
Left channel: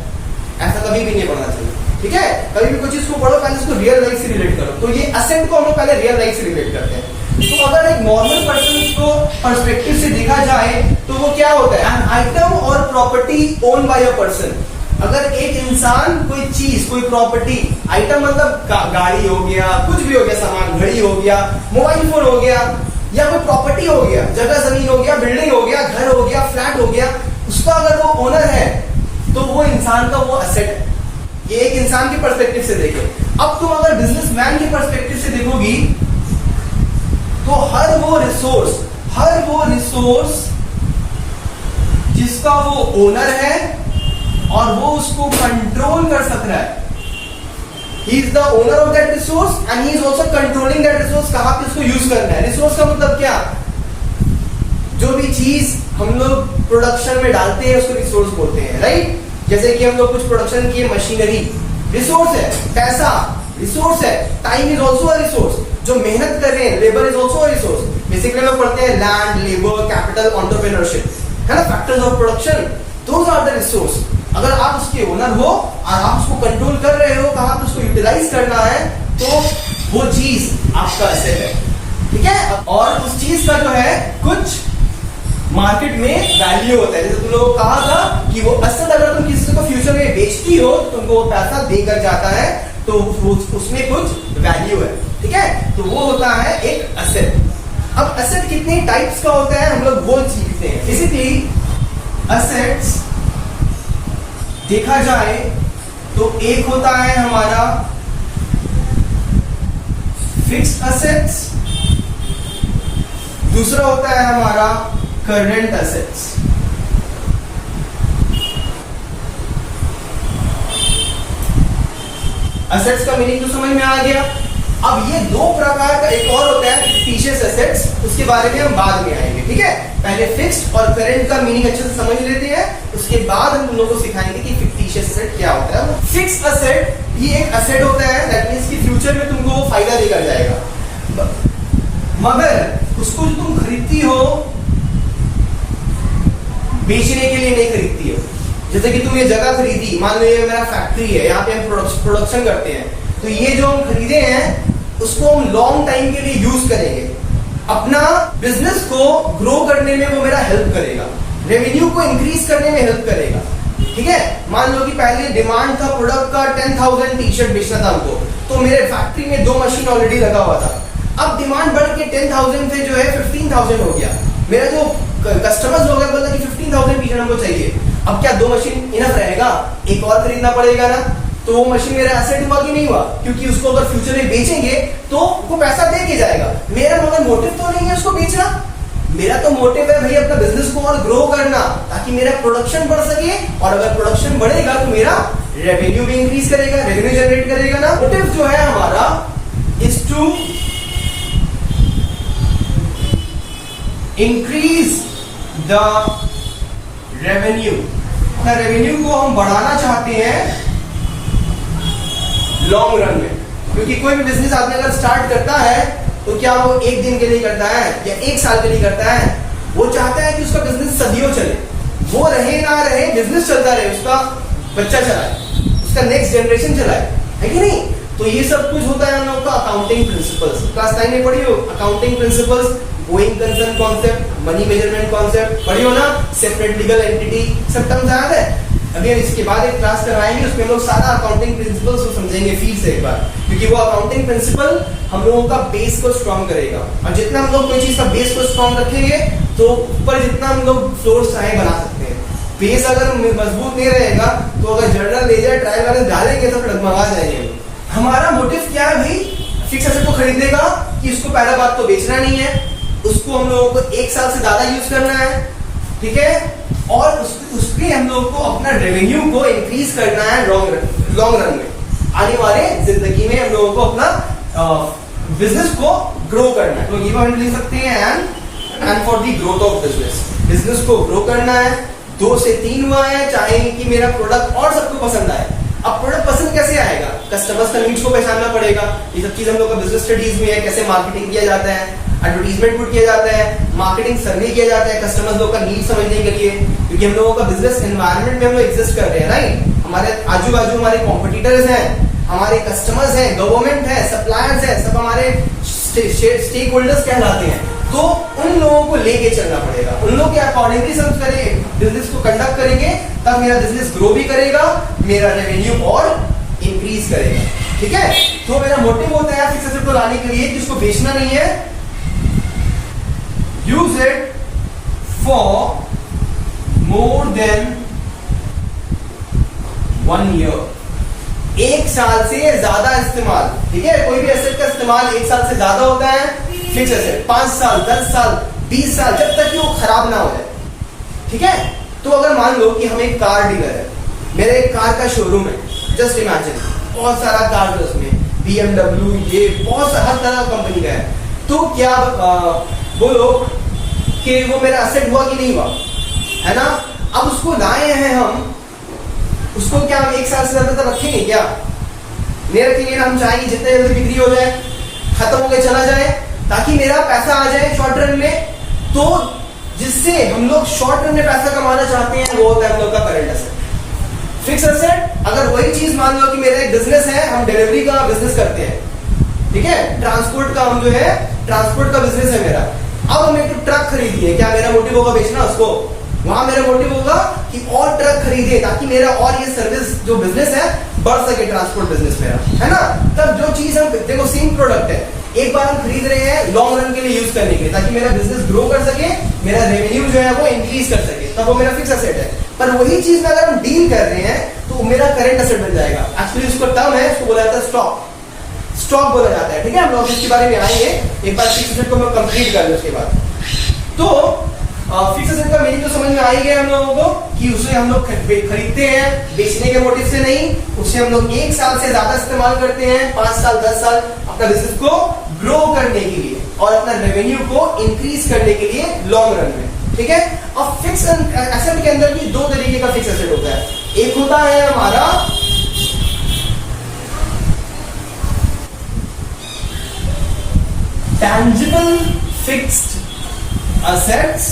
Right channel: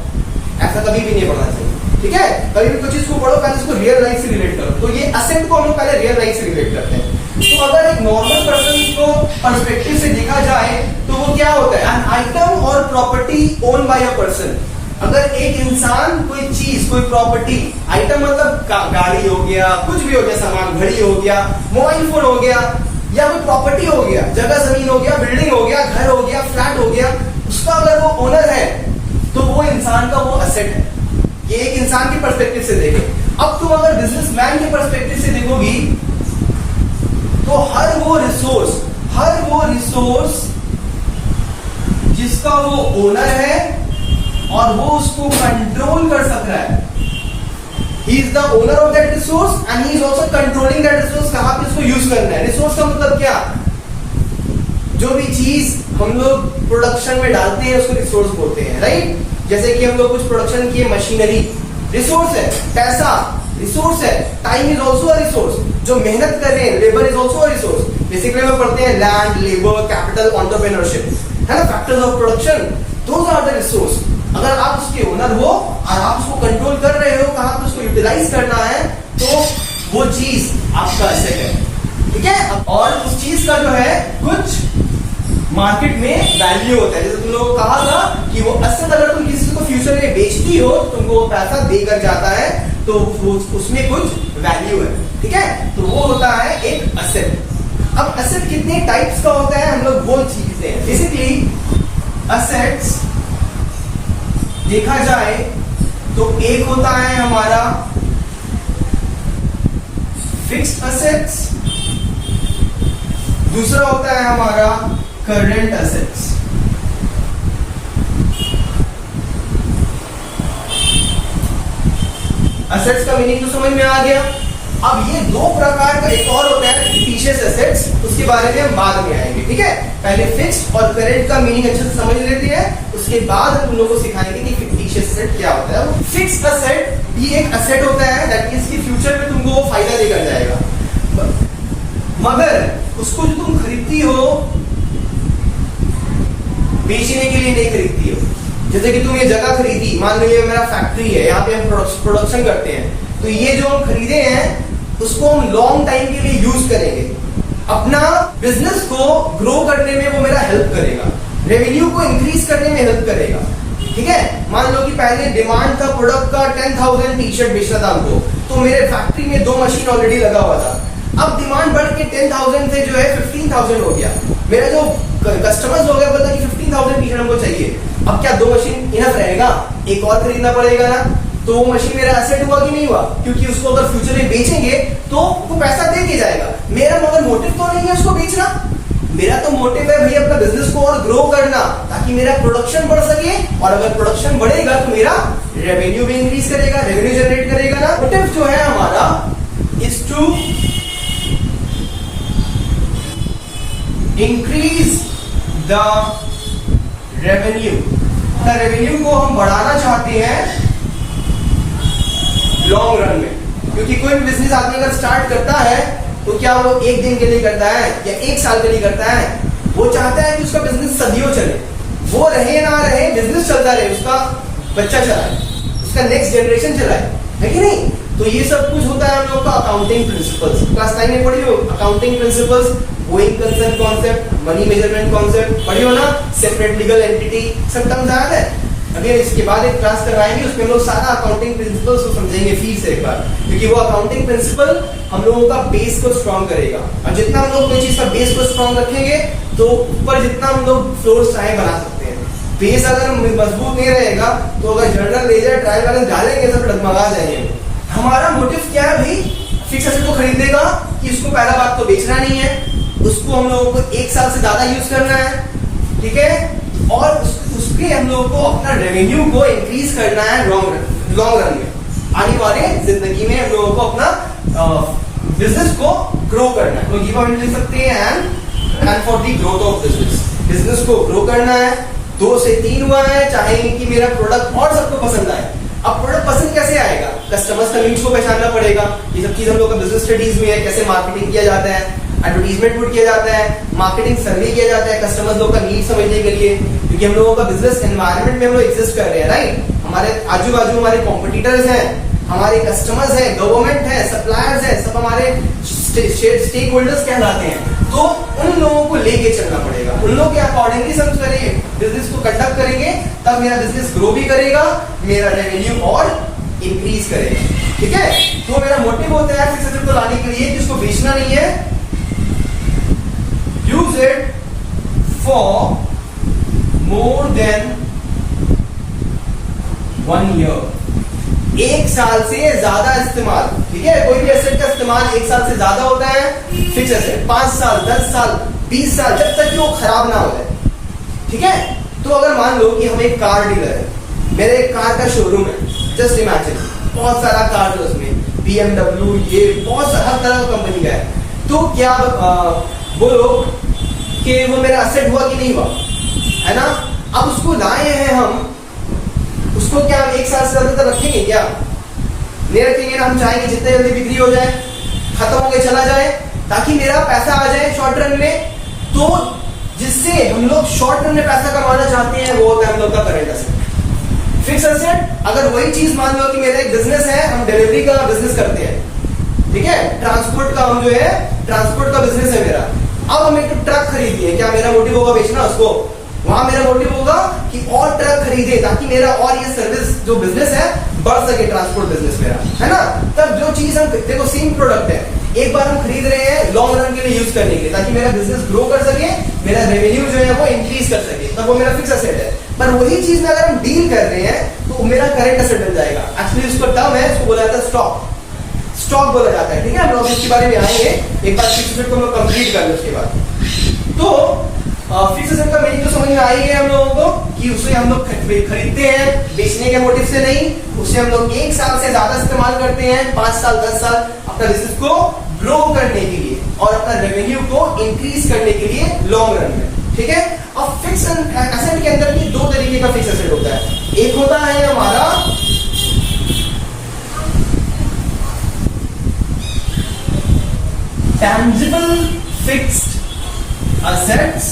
ऐसा कभी भी नहीं पढ़ना चाहिए, ठीक है। कभी भी कोई चीज को पढ़ो, पहले उसको रियल लाइफ से रिलेट करो। तो ये असेट को हम लोग पहले रियल लाइफ से रिलेट करते हैं। तो अगर एक नॉर्मल पर्सन को पर्सपेक्टिव से देखा जाए तो वो क्या होता है, एन आइटम और property own by a person. अगर एक इंसान कोई चीज, कोई प्रॉपर्टी, आइटम मतलब गाड़ी हो गया, कुछ भी हो गया सामान, घड़ी हो गया, मोबाइल फोन हो गया, या कोई प्रॉपर्टी हो गया, जगह जमीन हो गया, बिल्डिंग हो गया, घर हो गया, फ्लैट हो गया, उसका अगर वो ओनर है तो वो इंसान का वो असेट है। ये एक इंसान की पर्सपेक्टिव से देखे। अब तुम अगर बिजनेसमैन की पर्सपेक्टिव से देखोगी तो हर वो रिसोर्स जिसका वो ओनर है और वो उसको कंट्रोल कर सक रहा है, he is the owner of that resource and he is also controlling that resource, कहां पे उसको यूज करना है। रिसोर्स का मतलब क्या, जो भी चीज हम लोग प्रोडक्शन में डालते हैं उसको रिसोर्स बोलते हैं, राइट। जैसे कि हम लोग कुछ प्रोडक्शन की मशीनरी, रिसोर्स है, पैसा रिसोर्स है, time is also a resource, जो मेहनत कर रहे हैं, labour is also a resource. Basically हम पढ़ते हैं लैंड, लेबर, कैपिटल, एंटरप्रेन्योरशिप, है ना, factors of production, those are the resource. अगर आप उसके ओनर हो और आप उसको कंट्रोल कर रहे हो, कहां पे उसको यूटिलाइज करना है, तो वो चीज आपका एसेट है, ठीक है। और उस चीज का जो है कुछ मार्केट में वैल्यू होता है। जैसे तुम लोगों को कहा था कि वो असेट अगर तुम किसी को फ्यूचर में बेचती हो तो तुमको वो पैसा देकर जाता है, तो उसमें कुछ वैल्यू है, ठीक है। तो वो होता है एक असेट। अब असेट कितने टाइप्स का होता है हम लोग वो सीखते हैं। बेसिकली असेट्स देखा जाए तो एक होता है हमारा फिक्स्ड असेट्स, दूसरा होता है हमारा करंट असेट्स। असेट्स का मीनिंग तो समझ में आ गया। अब ये दो प्रकार का एक और होता है फिक्टिशियस एसेट्स, उसके बारे में हम बाद में आएंगे, ठीक है। पहले फिक्स्ड और करंट का मीनिंग अच्छे से समझ लेते हैं, उसके बाद हम तुम लोगों को सिखाएंगे कि फिक्टिशियस एसेट क्या होता है। वो फिक्स्ड एसेट ये एक एसेट होता है दैट मींस कि फ्यूचर में तुमको वो फायदा देकर जाएगा, मगर उसको जो तुम खरीदती हो बेचने के लिए नहीं खरीदती हो। जैसे कि तुम ये जगह खरीदी, मान लो ये मेरा फैक्ट्री है, यहाँ पे हम प्रोडक्शन करते हैं, तो ये जो हम खरीदे हैं उसको हम लॉन्ग टाइम के लिए यूज करेंगे, अपना बिजनेस को ग्रो करने में वो मेरा हेल्प करेगा, रेवेन्यू को इंक्रीज करने में हेल्प करेगा, ठीक है। मान लो कि पहले डिमांड था प्रोडक्ट का 10,000 टी शर्ट बेचना था हमको, तो मेरे फैक्ट्री में 2 मशीन ऑलरेडी लगा हुआ था। अब डिमांड बढ़ के 10,000 से जो है 15,000 हो गया, मेरा जो कस्टमर्स हो गया बोलता कि 15,000 टी शर्ट हमको चाहिए। अब क्या 2 मशीन इनफ रहेगा, एक और खरीदना पड़ेगा ना, तो वो मशीन मेरा एसेट हुआ कि नहीं हुआ, क्योंकि उसको अगर फ्यूचर में बेचेंगे तो वो पैसा दे के जाएगा। मेरा मगर मोटिव तो नहीं है उसको बेचना, मेरा तो मोटिव है भाई अपना बिजनेस को और ग्रो करना, ताकि मेरा प्रोडक्शन बढ़ सके, और अगर प्रोडक्शन बढ़ेगा तो मेरा रेवेन्यू भी इंक्रीज करेगा, रेवेन्यू जनरेट करेगा ना। मोटिव जो है हमारा is to increase the revenue. Revenue को हम बढ़ाना चाहते हैं लॉन्ग रन में, क्योंकि कोई भी बिजनेस आदमी अगर स्टार्ट करता है तो क्या वो एक दिन के लिए करता है या एक साल के लिए करता है, वो चाहता है कि उसका बिजनेस सदियों चले, वो रहे ना रहे बिजनेस चलता रहे, उसका बच्चा चलाए, उसका नेक्स्ट जनरेशन चलाए, है कि नहीं। तो ये सब कुछ होता है हम लोग का अकाउंटिंग प्रिंसिपल्स। क्लास 9 में पढ़ी हो accounting principles, going concern concept, money measurement concept पढ़ी हो ना, सेपरेट लीगल एंटिटी, सब टर्म्स याद है। अभी इसके बाद एक क्लास करवाएंगे, उसमें हम लोग सारा अकाउंटिंग प्रिंसिपल्स को समझेंगे फिर से एक बार, क्योंकि वो अकाउंटिंग प्रिंसिपल हम लोगों का बेस को स्ट्रॉन्ग करेगा। और जितना हम लोग कोई चीज का बेस को स्ट्रॉन्ग रखेंगे तो ऊपर जितना हम लोग फ्लोर चाहे बना सकते हैं। बेस अगर मजबूत नहीं रहेगा तो अगर जर्नल लेजर ट्रायल बैलेंस डालेंगे तो डगमगा जाएंगे। हमारा मोटिव क्या है भाई, फिक्स एसेट को खरीदेगा कि इसको पहला बात तो बेचना नहीं है, उसको हम लोगों को 1 साल से ज्यादा यूज करना है, ठीक है, और उसके हम लोगों को अपना रेवेन्यू को इंक्रीज करना है लॉन्ग रन में। आने वाले जिंदगी में हम लोगों को अपना बिजनेस को ग्रो करना है। तो ये पॉइंट लिख सकते हैं and for the growth of business को ग्रो करना है। 2 से 3 हुआ है, चाहे कि मेरा प्रोडक्ट और सबको पसंद आए। अब प्रोडक्ट पसंद कैसे आएगा, कस्टमर्स का नीड्स को पहचानना पड़ेगा। ये सब चीज हम लोग का बिजनेस स्टडीज में है, कैसे मार्केटिंग किया जाता है, एडवर्टीजमेंट पुट किया जाता है, मार्केटिंग सर्वे किया जाता है कस्टमर्स लोग का नीड समझने के लिए, क्योंकि हम लोगों का बिजनेस एनवायरनमेंट में हम लोग एग्जिस्ट कर रहे हैं, राइट। हमारे आजू बाजू हमारे कॉम्पिटिटर्स हैं, हमारे कस्टमर्स हैं, गवर्नमेंट है, सप्लायर्स है, सब हमारे स्टेक होल्डर्स कहलाते हैं। तो उन लोगों को लेके चलना पड़ेगा, उन लोगों के अकॉर्डिंगली सब करेंगे, बिजनेस को कंडक्ट करेंगे, तब मेरा बिजनेस ग्रो भी करेगा, मेरा रेवेन्यू और इंक्रीज करेगा, ठीक है। तो मेरा मोटिव होता है फिक्स एसेट को लाने के लिए, जिसको बेचना नहीं है, use it for more than 1 year, 1 साल से ज्यादा इस्तेमाल, ठीक है। कोई भी एसेट का इस्तेमाल 1 साल से ज्यादा होता है, फिक्स एसेट 5 साल 10 साल 20 साल, जब तक कि वो खराब ना हो जाए, ठीक है। तो अगर मान लो कि हम एक कार डीलर है, मेरे एक कार का शोरूम है, जस्ट इमेजिन, बहुत सारा कार है उसमें, BMW, ये बहुत सारा हर तरह का कंपनी का है। तो क्या बोलो कि वो मेरा एसेट हुआ कि नहीं हुआ, है ना। अब उसको लाए हैं हम, उसको क्या हम 1 साल से ज्यादा तक रखेंगे, क्या नहीं रखेंगे ना। हम चाहेंगे जितने जल्दी बिक्री हो जाए, खत्म होके चला जाए, ताकि मेरा पैसा आ जाए शॉर्ट रन में। तो जिससे हम लोग शॉर्ट रन में पैसा कमाना चाहते हैं, वो होता है हम लोग का करंट एसेट। फिक्स एसेट अगर वही चीज मान लो कि मेरा एक बिजनेस है, हम डिलीवरी का बिजनेस करते हैं, ठीक है, ट्रांसपोर्ट का, हम जो है ट्रांसपोर्ट का बिजनेस है मेरा। अब हम एक ट्रक खरीदिए, क्या मेरा मोटिव होगा बेचना उसको, वहां मेरा मोटिव होगा कि और ट्रक खरीदे, ताकि मेरा और ये सर्विस जो बिजनेस है बढ़ सके, ट्रांसपोर्ट बिजनेस मेरा, है ना। तब जो चीज हम देखो, सेम प्रोडक्ट है, एक बार हम खरीद रहे हैं लॉन्ग रन के लिए यूज करने के लिए, ताकि मेरा बिजनेस ग्रो कर सके, मेरा रेवेन्यू जो है वो इंक्रीज कर सके, तब वो मेरा फिक्स एसेट है। पर वही चीज में अगर हम डील कर रहे हैं तो मेरा करंट एसेट बन जाएगा। एक्चुअली उसका टर्म है, उसको बोला जाता है स्टॉक बोला जाता है, ठीक है। हम लोग इसके बारे में आएंगे, एक बार फिक्स एसेट को हम लोग कंप्लीट कर लें उसके बाद। तो फिक्स एसेट का मीनिंग तो समझ में आ ही गया हम लोगों को कि उसे हम लोग खरीदते हैं बेचने के मोटिव से नहीं, उसे हम लोग 1 साल से ज्यादा इस्तेमाल करते हैं, 5 साल 10 साल अपना बिजनेस को ग्रो करने के लिए और अपना रेवेन्यू को इंक्रीज करने के लिए लॉन्ग रन में, ठीक है। अब फिक्स एसेट के अंदर भी 2 तरीके का फिक्स एसेट होता है। एक होता है हमारा टैंजिबल फिक्स्ड असेट्स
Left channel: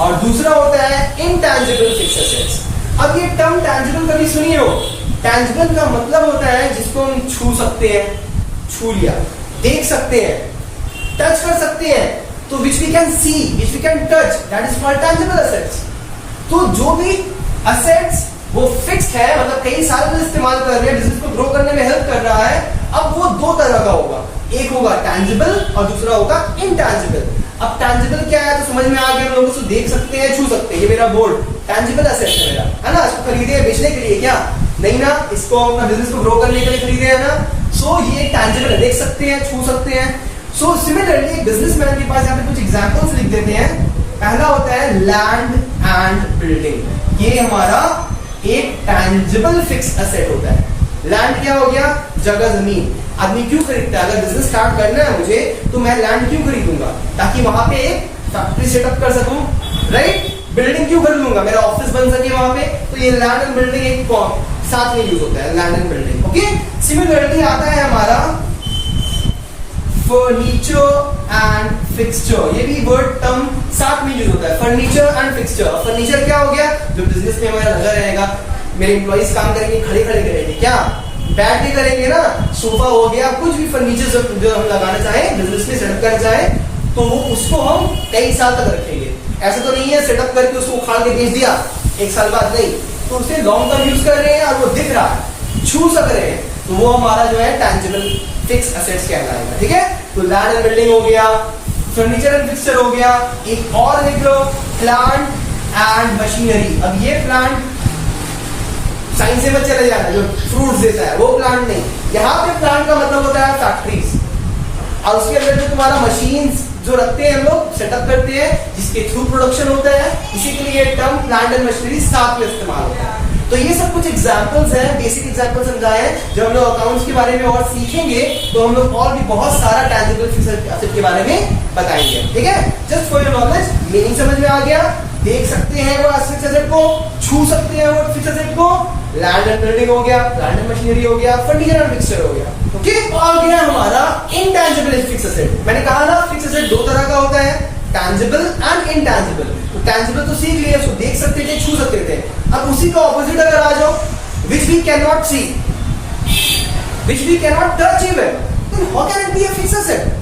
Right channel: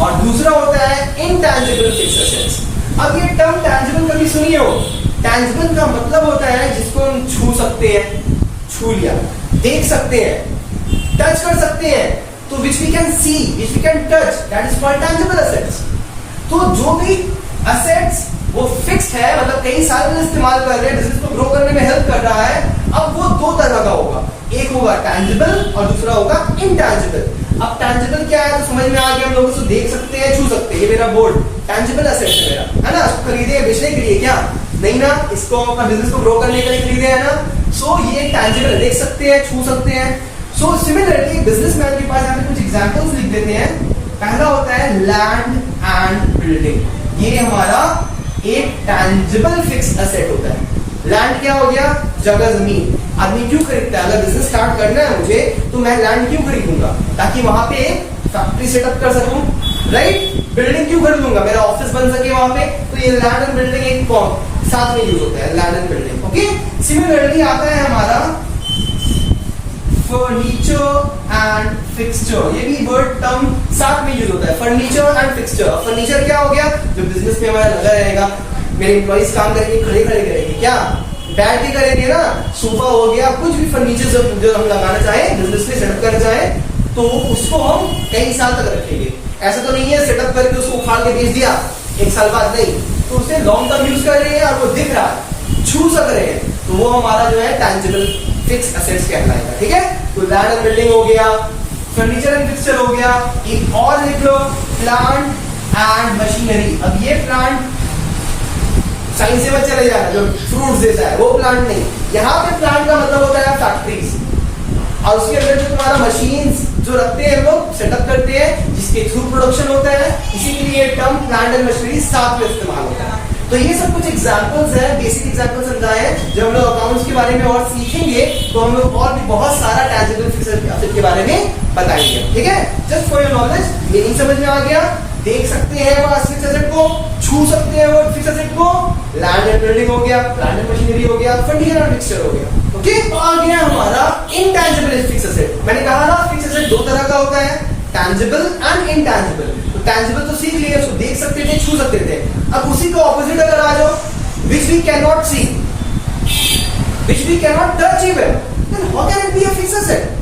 और दूसरा होता है इनटैंजिबल फिक्स एसेट्स। अब ये टर्म टैंजिबल कभी सुनिए हो, टैंजिबल का मतलब होता है जिसको हम छू सकते हैं, छू लिया, देख सकते हैं, टच कर सकते हैं, तो which we can see, which we can touch, that is called tangible assets. तो जो भी एसेट्स वो फिक्स्ड है, मतलब कई साल में इस्तेमाल कर रहे हैं, बिजनेस को ग्रो करने में हेल्प कर रहा है, अब वो 2 तरह का होगा, एक होगा टैंजिबल और दूसरा होगा इनटैंजिबल। अब टैंजिबल क्या है तो समझ में आ गया, हम लोग उसको देख सकते हैं, छू सकते हैं, ये मेरा बोर्ड टैंजिबल एसेट है मेरा, है ना। इसको खरीदे बेचने के लिए क्या नहीं ना, इसको अपना बिजनेस को ग्रो करने के लिए खरीदे, है ना। सो ये टैंजिबल है, देख सकते हैं, छू सकते हैं। सो सिमिलरली बिजनेसमैन के पास यहाँ पे कुछ एग्जांपल्स लिख देते हैं। पहला होता है लैंड एंड बिल्डिंग, ये हमारा एक टैंजिबल फिक्स एसेट होता है। लैंड क्या हो गया, जगह जमीन। आदमी क्यों खरीदता है, अगर बिजनेस स्टार्ट करना है मुझे तो मैं लैंड क्यों खरीदूंगा, ताकि वहां पे फैक्ट्री सेटअप कर सकूं, राइट। बिल्डिंग क्यों खरीदूंगा, मेरा ऑफिस बन सके वहां पे, तो ये लैंड एंड बिल्डिंग एक साथ में यूज होता है, land and building, okay. Similarly आता है हमारा फर्नीचर एंड फिक्सचर, ये भी वर्ड टर्म साथ में यूज होता है, फर्नीचर एंड फिक्सचर। फर्नीचर क्या हो गया, जो बिजनेस में हमारा लगा रहेगा, मेरे एम्प्लॉइज काम करेंगे, खड़े खड़े करेंगे, क्या बैठ के करेंगे ना, सोफा हो गया, कुछ भी फर्नीचर जो हम लगाना चाहे, बिजनेस में सेटअप करना चाहे, तो उसको हम कई साल तक रखेंगे। ऐसा तो नहीं है सेटअप करके उसको उखाड़ के बेच दिया 1 साल बाद, नहीं, तो उसे लॉन्ग टर्म यूज कर रहे हैं और वो दिख रहा है, छू सक रहे हैं, तो वो हमारा जो है टैंजिबल फिक्स एसेट्स कहलाएगा। ठीक है, तो लैंड एंड बिल्डिंग हो गया, फर्नीचर एंड फिक्सचर हो गया। एक और लिख लो, प्लांट एंड मशीनरी। अब ये प्लांट साइंस से मत चले जाना, जो फ्रूट्स देता है वो प्लांट नहीं, यहाँ पे प्लांट का मतलब होता है फैक्ट्रीज, और उसके अंदर जो तुम्हारा मशीन्स जो रखते हैं हम लोग, सेटअप करते हैं, जिसके थ्रू प्रोडक्शन होता है, इसी के लिए टर्म प्लांट एंड मशीनरी साथ में इस्तेमाल होता है। तो ये सब कुछ एग्जांपल्स हैं, बेसिक एग्जांपल्स समझाए हैं। जब हम लोग अकाउंट्स के बारे में और सीखेंगे तो हम लोग और भी बहुत सारा टैंजिबल फिक्स्ड एसेट के बारे में बताएंगे। ठीक है, just for your knowledge, meaning समझ में आ गया। देख सकते हैं वो फिक्स्ड एसेट को, छू सकते हैं वो फिक्स्ड एसेट को, लैंड एंड बिल्डिंग हो गया, प्लांट एंड मशीनरी हो गया, फर्नीचर एंड फिक्सचर हो गया। ओके, तो आ गया हमारा इनटैंजिबल फिक्स्ड एसेट। मैंने कहा ना फिक्स्ड एसेट 2 तरह का होता है, टैंजिबल एंड इनटैंजिबल। तो टैंजिबल तो सीख लिया, उसको देख सकते थे, छू सकते थे। अब उसी का ऑपोजिट अगर आ जाओ, which we can not see, which we can not touch even, then how can it be a fixed asset?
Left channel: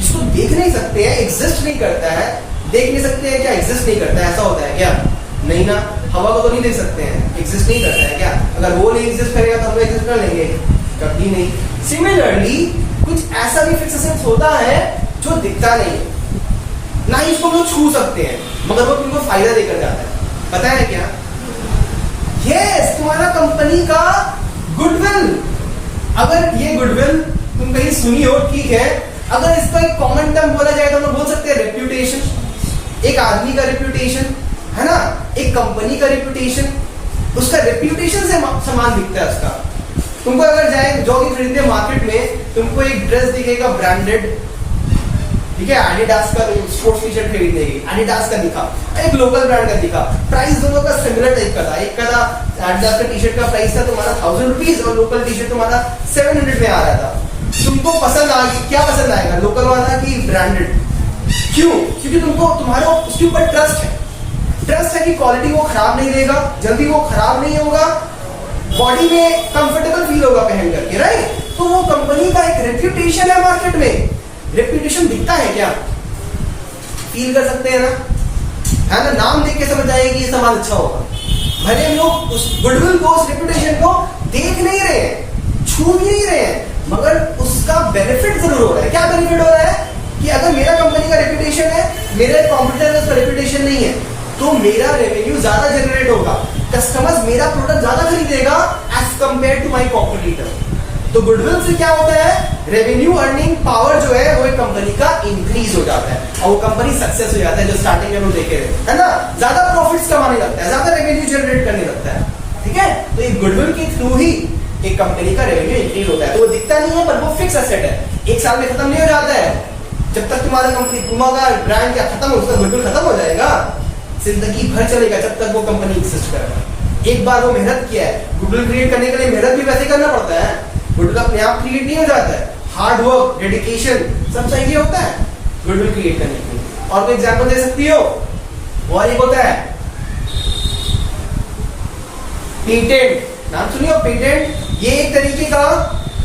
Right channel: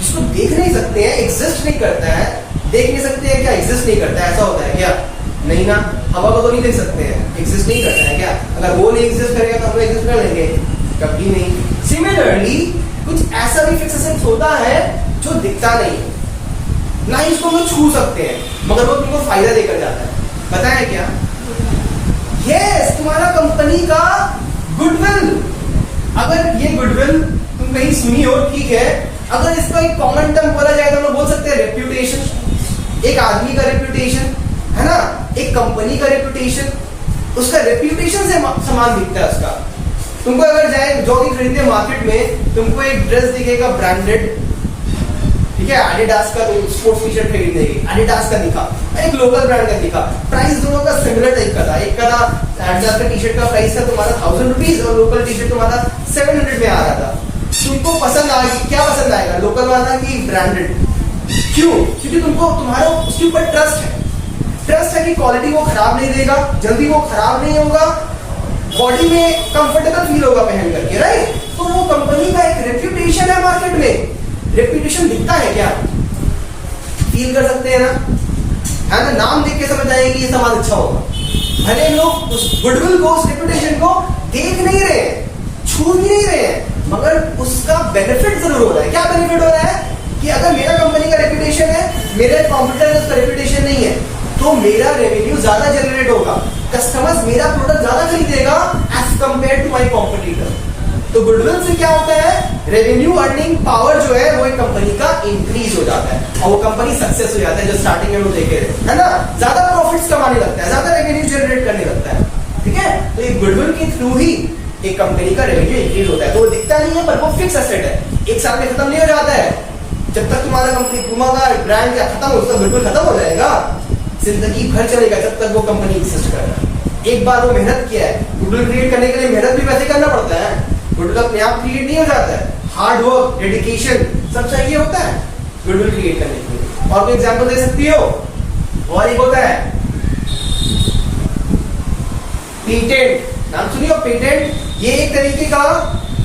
जिसको देख नहीं सकते हैं, एग्जिस्ट नहीं करता है, देख नहीं सकते हैं क्या, एग्जिस्ट नहीं करता है, ऐसा होता है क्या? नहीं ना, हवा को तो नहीं देख सकते हैं, एग्जिस्ट नहीं करता है क्या? अगर वो नहीं एग्जिस्ट करेगा तो हम एग्जिस्ट कर लेंगे? कभी नहीं। सिमिलरली कुछ ऐसा भी फिक्स्ड एसेट होता है जो दिखता नहीं है, ना ही इसको हम छू सकते हैं, मगर वो तुमको फायदा देकर जाता है। पता है क्या? यस, तुम्हारा कंपनी का गुडविल। अगर ये गुडविल तुम कहीं सुनी हो, ठीक है, अगर इसका एक कॉमन टर्म बोला जाए तो हम लोग बोल सकते हैं रेप्यूटेशन। एक आदमी का रेप्यूटेशन है ना, एक कंपनी का रेप्यूटेशन, उसका रेप्यूटेशन से समान दिखता है उसका। तुमको अगर जाए जॉगिंग खरीदने मार्केट में, तुमको एक ड्रेस दिखेगा ब्रांडेड, ठीक है, एडिडास का स्पोर्ट्स टी शर्ट खरीदने की, एडिडास का दिखा, एक लोकल ब्रांड का दिखा, प्राइस दोनों का सिमिलर टाइप का था। एक का था एडिडास का टी शर्ट का प्राइस था तुम्हारा 1000 रुपीज और लोकल टी शर्ट तुम्हारा 700 में आ रहा था। तुमको पसंद आ गई, क्या पसंद आएगा, लोकल वाला कि ब्रांडेड? क्यों? क्योंकि तुमको तुम्हारा उसके ऊपर ट्रस्ट है, ट्रस्ट है कि क्वालिटी वो खराब नहीं देगा, जल्दी वो खराब नहीं होगा, बॉडी में कंफर्टेबल फील होगा पहन करके, राइट? तो वो कंपनी का एक रेप्यूटेशन है मार्केट में। रेप्यूटेशन दिखता है क्या? फील कर सकते हैं ना, है ना? नाम देख के समझ आएगा कि ये सामान अच्छा होगा। भले हम लोग उस गुडविल को, उस रेप्यूटेशन को देख नहीं रहे हैं, छू भी नहीं रहे हैं, मगर उसका बेनिफिट जरूर हो रहा है। क्या बेनिफिट हो रहा है कि अगर मेरा कंपनी का रेप्यूटेशन है, मेरे कॉम्पिटिटर का उसका रेप्यूटेशन नहीं है, तो मेरा रेवेन्यू ज्यादा जनरेट होगा, कस्टमर्स मेरा प्रोडक्ट ज्यादा खरीदेगा as compare to my competitor. तो गुडविल से क्या होता है, रेवेन्यू अर्निंग पावर जो है वो एक कंपनी का इंक्रीज हो जाता है और वो कंपनी सक्सेस हो जाता है, जो स्टार्टिंग में हम लोग देखे है ना, ज्यादा प्रॉफिट्स कमाने लगता है, ज्यादा रेवेन्यू जनरेट करने लगता है। ठीक है, तो ये गुडविल के थ्रू ही एक कंपनी का रेवेन्यू इंक्रीज होता है। तो वो दिखता नहीं है, पर वो फिक्स एसेट है, 1 साल में खत्म नहीं हो जाता है। जब तक तुम्हारा कंपनी, तुम्हारा ब्रांड क्या खत्म हो, उसका गुडविल खत्म हो जाएगा, जिंदगी भर चलेगा जब तक वो कंपनी एग्जिस्ट कर रहा है। एक बार वो मेहनत किया है, गुडविल क्रिएट करने के लिए मेहनत भी वैसे करना पड़ता है, गुडविल अपने आप क्रिएट नहीं हो जाता है, हार्ड वर्क, डेडिकेशन सब चाहिए होता है गुडविल क्रिएट करने के लिए। और कोई एग्जांपल दे सकती हो? और एक होता है पेटेंट, नाम सुनिए पेटेंट। ये एक तरीके का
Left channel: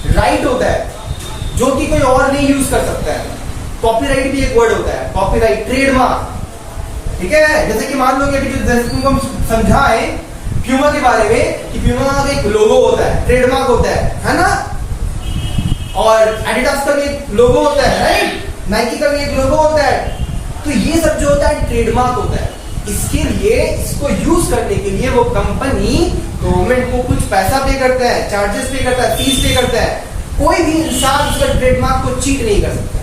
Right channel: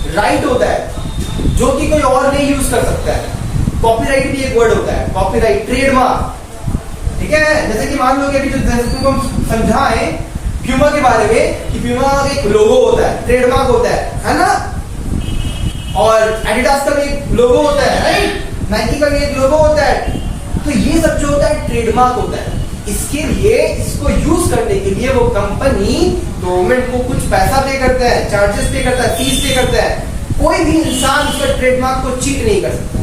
राइट होता है जो कि कोई और नहीं यूज कर सकता है। कॉपीराइट भी एक वर्ड होता है, कॉपीराइट, ट्रेडमार्क, ठीक है। जैसे कि मान लो कि जैसे तुमको हम समझाएं प्यूमा के बारे में कि प्यूमा का एक लोगो होता है, ट्रेडमार्क होता है ना, और एडिडास का भी एक लोगो होता है, राइट, नाइकी का भी एक लोगो होता है। तो ये सब जो होता है ट्रेडमार्क होता है। इसके लिए, इसको यूज करने के लिए वो कंपनी गवर्नमेंट को कुछ पैसा पे करता है, चार्जेस पे करता है, फीस पे करता है। कोई भी इंसान उसका ट्रेडमार्क को चीट नहीं कर सकता,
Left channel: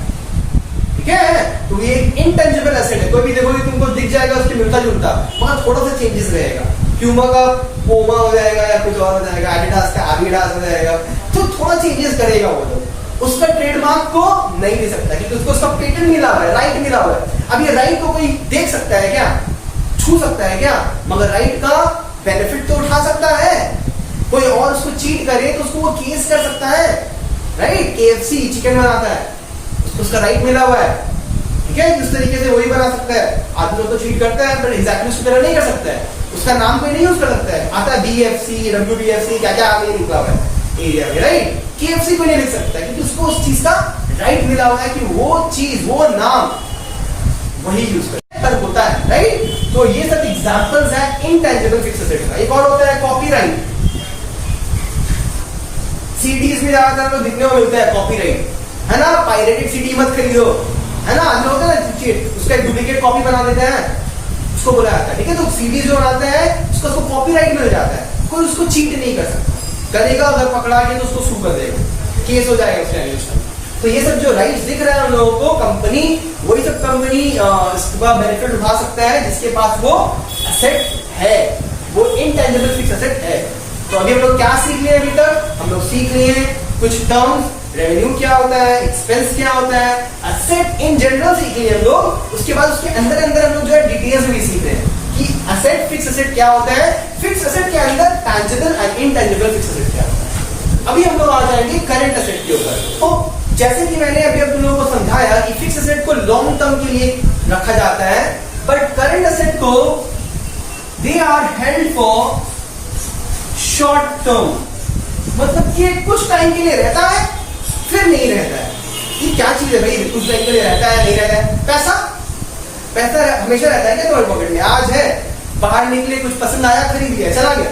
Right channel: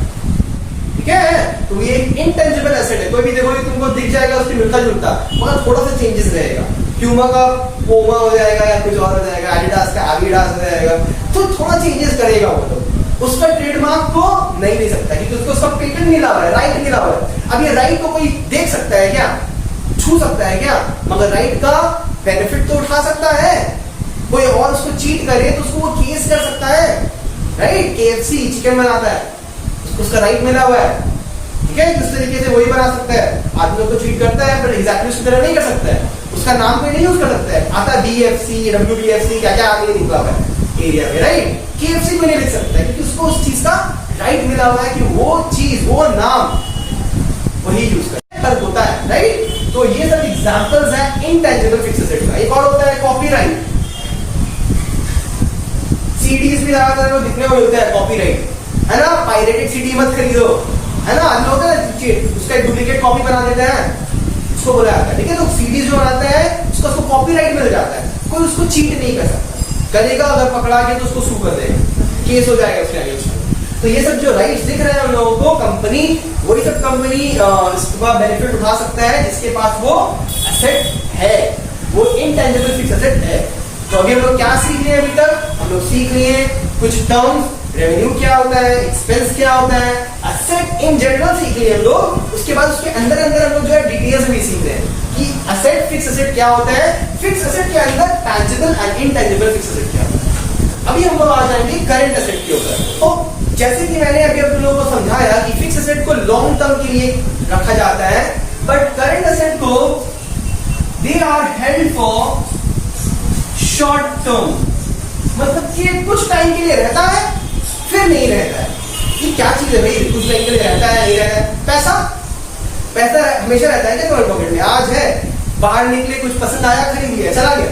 ठीक है। तो ये एक इंटेंजिबल एसेट है, कोई भी देखो तुमको दिख जाएगा उसके मिलता जुलता, मगर थोड़ा सा चेंजेस रहेगा। प्यूमा का पोमा हो जाएगा या कुछ और हो जाएगा, एडिडास का एडिडास हो जाएगा, तो थोड़ा चेंजेस करेगा वो तो उसका ट्रेडमार्क को नहीं ले सकता, क्योंकि उसको उसका पेटेंट मिला हुआ है, राइट मिला हुआ है। अब ये राइट को कोई देख सकता है क्या, छू सकता है क्या? मगर राइट का बेनिफिट तो उठा सकता है। कोई और उसको चीट करे तो उसको वो केस कर सकता है, राइट। KFC चिकन बनाता है, उसको उसका राइट मिला हुआ है, ठीक है, जिस तरीके से वही बना सकता है। आदमी लोग तो चीट करता है, पर एग्जैक्टली उसकी तरह नहीं कर सकता है, उसका नाम कोई नहीं यूज कर सकता है। आता है BFC, WBFC, क्या क्या आगे निकला हुआ है। एरिया में, राइट। KFC को नहीं लिख सकता क्योंकि उसको उस चीज का राइट मिला हुआ है कि वो चीज, वो नाम वही यूज कर होता है, राइट। तो ये सब एग्जांपल्स है इनटेंजिबल फिक्स्ड एसेट का। एक और होता है कॉपीराइट। सीडीज में ज्यादातर लोग दिखने को मिलता है कॉपीराइट, है ना। पायरेटेड सीडी मत खरीदो, है ना। आज होता है ना, उसका एक डुप्लीकेट कॉपी बना देते हैं, उसको बोला जाता है, ठीक है। तो सीडी जो बनाते हैं उसका उसको कॉपीराइट मिल जाता है, कोई उसको चीट नहीं कर सकता। करेगा अगर पकड़ा के तो उसको सू कर देगा, केस हो जाएगा उसके अगेंस्ट। तो ये सब जो राइट्स दिख रहे हैं हम लोगों को, कंपनी वही सब कंपनी इसका बेनिफिट उठा सकता है जिसके पास वो एसेट है, वो इनटेंजिबल फिक्स्ड एसेट है। तो अभी हम लोग क्या सीख रहे हैं? अभी तक हम लोग सीख रहे हैं कुछ टर्म्स, रेवेन्यू क्या होता है, एक्सपेंस क्या होता है, एसेट इन जनरल सीख लिए हम लोग। उसके बाद उसके अंदर अंदर हम लोग जो है डिटेल्स में भी सीख रहे हैं कि एसेट, फिक्स एसेट क्या होता है, फिक्स एसेट के अंदर tangible and intangible fix asset क्या होता है। अभी हम लोग आ जाएंगे करंट एसेट के ऊपर। तो जैसे कि मैंने अभी आप लोगों को समझाया कि फिक्स एसेट को लॉन्ग टर्म के लिए रखा जाता है, बट करंट एसेट को they are held for short term, मतलब कि कुछ टाइम के लिए रहता है फिर नहीं रहता है। ये क्या चीज है भाई, कुछ टाइम के लिए रहता है नहीं रहता है? पैसा, पैसा हमेशा रहता है क्या तुम्हारे पॉकेट में? आज है, बाहर निकले, कुछ पसंद आया, खरीद लिया, चला गया।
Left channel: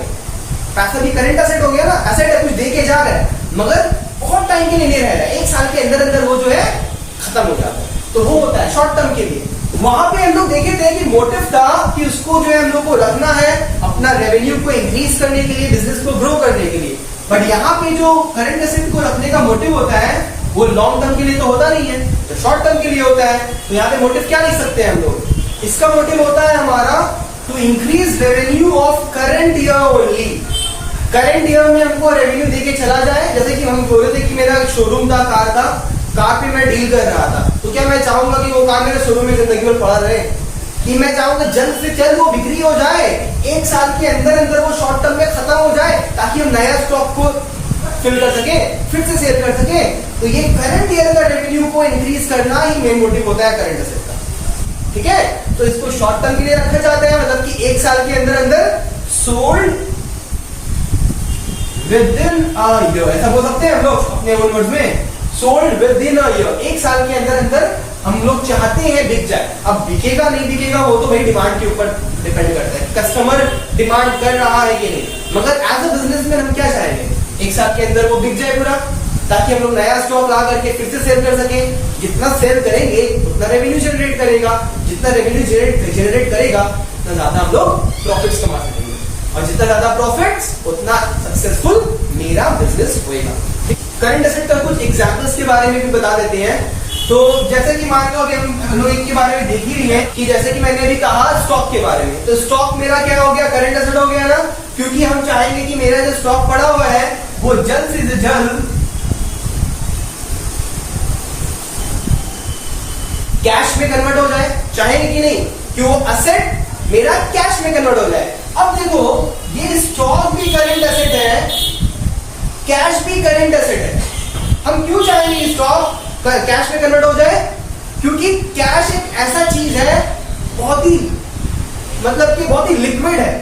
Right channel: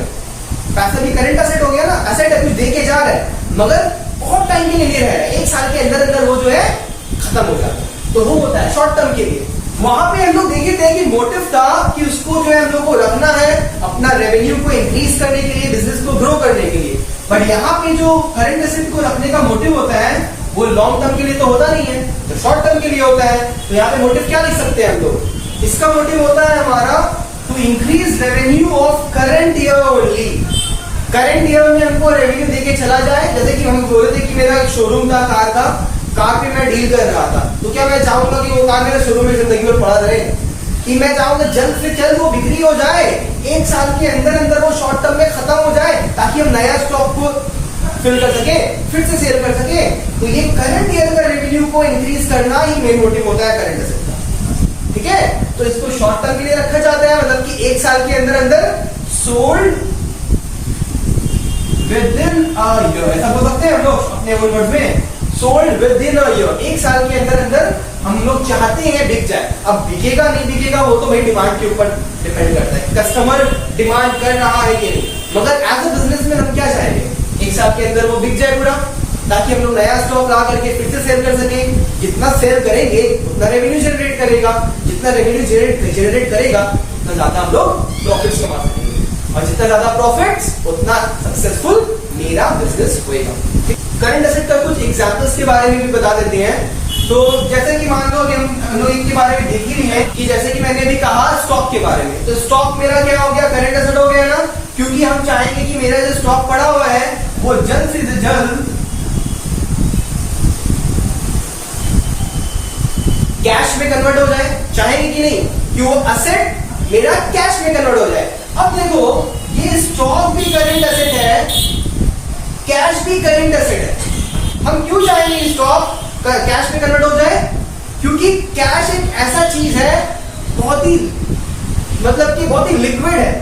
पैसा भी करंट एसेट हो गया ना, एसेट है, कुछ दे के जा रहा है मगर बहुत टाइम के लिए नहीं रह रहा है, एक साल के अंदर अंदर वो जो है खत्म हो जाता है। तो वो होता है शॉर्ट टर्म के लिए। वहां पे हम लोग देखे थे कि मोटिव था कि उसको जो है हम लोग को रखना है अपना रेवेन्यू को इंक्रीज करने के लिए, बिजनेस को ग्रो करने के लिए। बट यहाँ पे जो करंट एसेट को रखने का मोटिव होता है वो लॉन्ग टर्म के लिए तो होता नहीं है, तो शॉर्ट टर्म के लिए होता है। तो यहाँ पे मोटिव क्या लिख सकते हैं हम लोग? इसका मोटिव होता है हमारा to increase revenue of current year only. Current year में हमको रेवेन्यू देके चला जाए। जैसे कि हम बोले थे कि मेरा एक शोरूम था, कार था, कार पे मैं डील कर रहा था, तो क्या मैं चाहूंगा कि वो कार मेरे शोरूम में जिंदगी भर पड़ा रहे? कि मैं चाहूंगा जल्द से जल्द वो बिक्री हो जाए, एक साल के अंदर अंदर वो शॉर्ट टर्म में खत्म हो जाए ताकि हम नया स्टॉक को फिल कर सके, फिर से सेल कर सके। तो ये करंट ईयर का रेवेन्यू को इंक्रीज करना ही मेन मोटिव होता है करंट एसेट का, ठीक है। तो इसको शॉर्ट टर्म के लिए रखा जाता है, मतलब कि एक साल के अंदर अंदर sold with in a year, ऐसा बोल सकते हैं हम लोग अपने ओन वर्ड में, sold with in a year. एक साल के अंदर अंदर हम लोग चाहते हैं बिक जाए। अब बिकेगा नहीं बिकेगा वो तो भाई डिमांड के ऊपर डिपेंड करता है, कस्टमर डिमांड कर रहा है कि नहीं। मगर एज अ बिजनेसमैन हम क्या चाहेंगे? एक साल के अंदर वो बिक जाए पूरा, ताकि हम लोग नया स्टॉक ला करके फिर से सेल कर सके। जितना सेल करेंगे उतना रेवेन्यू जनरेट करेगा, जितना रेवेन्यू जनरेट करेगा उतना ज्यादा हम लोग प्रॉफिट्स कमा सकेंगे, और जितना ज्यादा प्रॉफिट्स उतना सक्सेसफुल मेरा बिजनेस होएगा। करंट एसेट का कुछ एग्जांपल्स के बारे में भी बता देते हैं। तो जैसे कि मान लो कि हम लोग इनके बारे में देख ही रही हैं कि जैसे कि मैंने अभी कहा स्टॉक के बारे में, तो स्टॉक मेरा क्या हो गया? करंट एसेट हो गया ना, क्योंकि हम चाहेंगे कि मेरा जो स्टॉक पड़ा हुआ है वो जल्द से जल्द कैश में कन्वर्ट हो जाए, चाहेंगे कि नहीं कि वो एसेट मेरा कैश में कन्वर्ट हो जाए। अब देखो ये स्टॉक भी करंट एसेट है, कैश भी करंट एसेट है। हम क्यों चाहेंगे स्टॉक कैश में कन्वर्ट हो जाए? क्योंकि कैश एक ऐसा चीज है बहुत ही, मतलब कि बहुत ही लिक्विड है,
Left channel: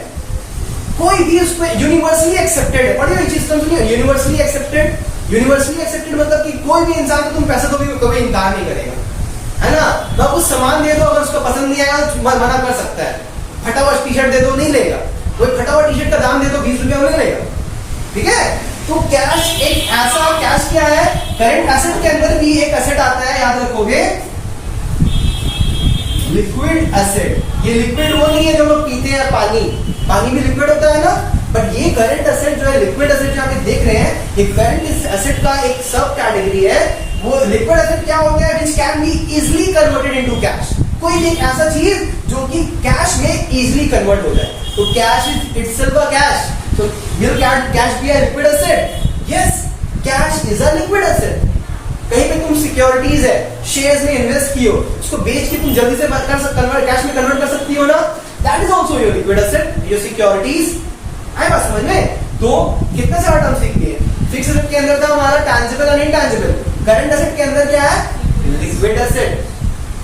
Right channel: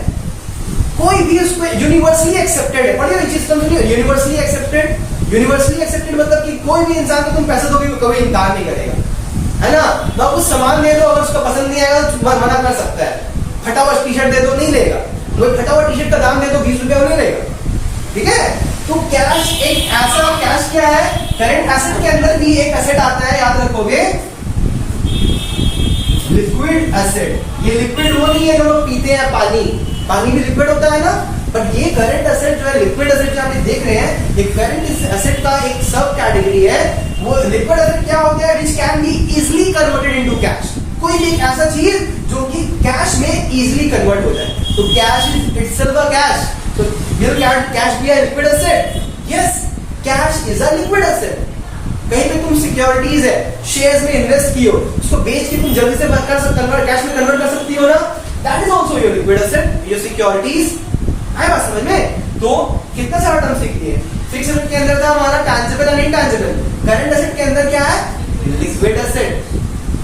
कोई भी उसको यूनिवर्सली एक्सेप्टेड है। पढ़िए ये चीज समझिए, यूनिवर्सली एक्सेप्टेड। यूनिवर्सली एक्सेप्टेड मतलब कि कोई भी इंसान को तुम पैसे दोगे कभी इनकार नहीं करेगा, है ना। मैं कुछ सामान दे दो, अगर उसका पसंद नहीं आया तो मना कर सकता है। फटा हुआ टी शर्ट दे दो, नहीं लेगा। वही फटा हुआ टी शर्ट का दाम दे दो 20 रुपया, नहीं लेगा, ठीक है। तो कैश एक ऐसा, कैश क्या है? करंट एसेट के अंदर भी एक एसेट आता है, याद रखोगे, लिक्विड एसेट। ये लिक्विड वो नहीं है जो लोग पीते हैं पानी, पानी भी लिक्विड होता है ना। बट ये करंट एसेट जो है, लिक्विड एसेट जो आप देख रहे हैं, ये करंट एसेट का एक सब कैटेगरी है। वो लिक्विड एसेट क्या होता है? Which can be easily converted into cash. कोई भी ऐसा चीज जो कि कैश में इजिली कन्वर्ट हो जाए। तो cash is itself a cash. So will cash be a liquid asset? Yes, cash is a liquid asset. कहीं पे तुम सिक्योरिटीज है, शेयर्स में इन्वेस्ट किए हो, उसको बेच के तुम जल्दी से कन्वर्ट कैश में कन्वर्ट कर सकती हो ना, that is also your liquid asset, your securities. आए बात समझ में? तो कितने सारा टर्म सीख लिए। फिक्स एसेट के अंदर था हमारा टैंजिबल और इनटैंजिबल, करंट एसेट के अंदर क्या है? Liquid asset.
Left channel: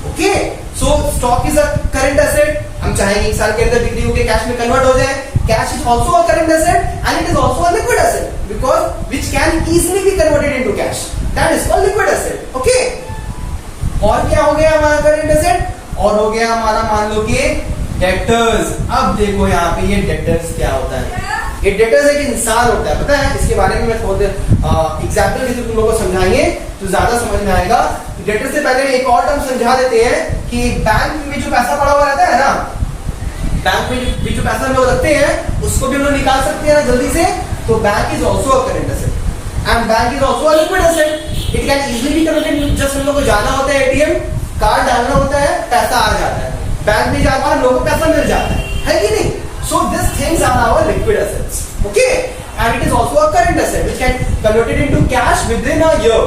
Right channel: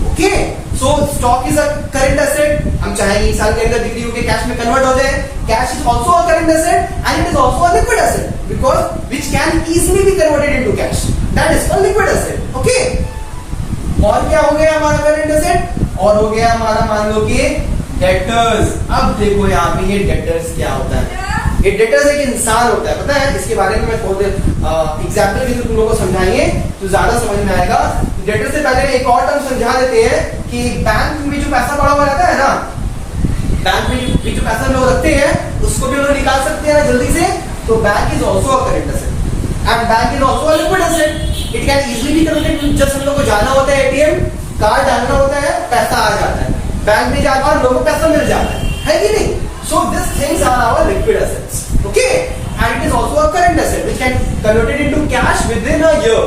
Okay, so stock is a current asset. हम चाहेंगे इस साल के अंदर बिक्री होकर कैश में कन्वर्ट हो जाए, cash is also a current asset and it is also a liquid asset because which can easily be converted into cash. That is called liquid asset. Okay. और क्या हो गया हमारा current asset? और हो गया हमारा मान लो कि डेटर्स. अब देखो यहाँ पे ये डेटर्स क्या होता है. ये डेटर्स एक इंसान होता है, पता है. इसके बारे में मैं थोड़े एग्जाम्पल के थ्रू तुम लोगों को समझाएंगे तो ज्यादा समझ में आएगा. डेटर से पहले एक और टर्म समझा देते हैं कि बैंक में जो पैसा पड़ा हुआ रहता है ना, बैंक में जो पैसा हम लोग रखते हैं उसको भी हम लोग निकाल सकते हैं ना जल्दी से. तो bank is also a current asset and bank is also a liquid asset. It can easily be converted. Just हम लोग को जाना होता है एटीएम कार्ड डालना होता है, पैसा आ जाता है. बैंक में जाकर हम लोगों को पैसा मिल जाता है कि नहीं. So these things are our liquid assets, okay, and it is also a current asset which can converted into cash within a year,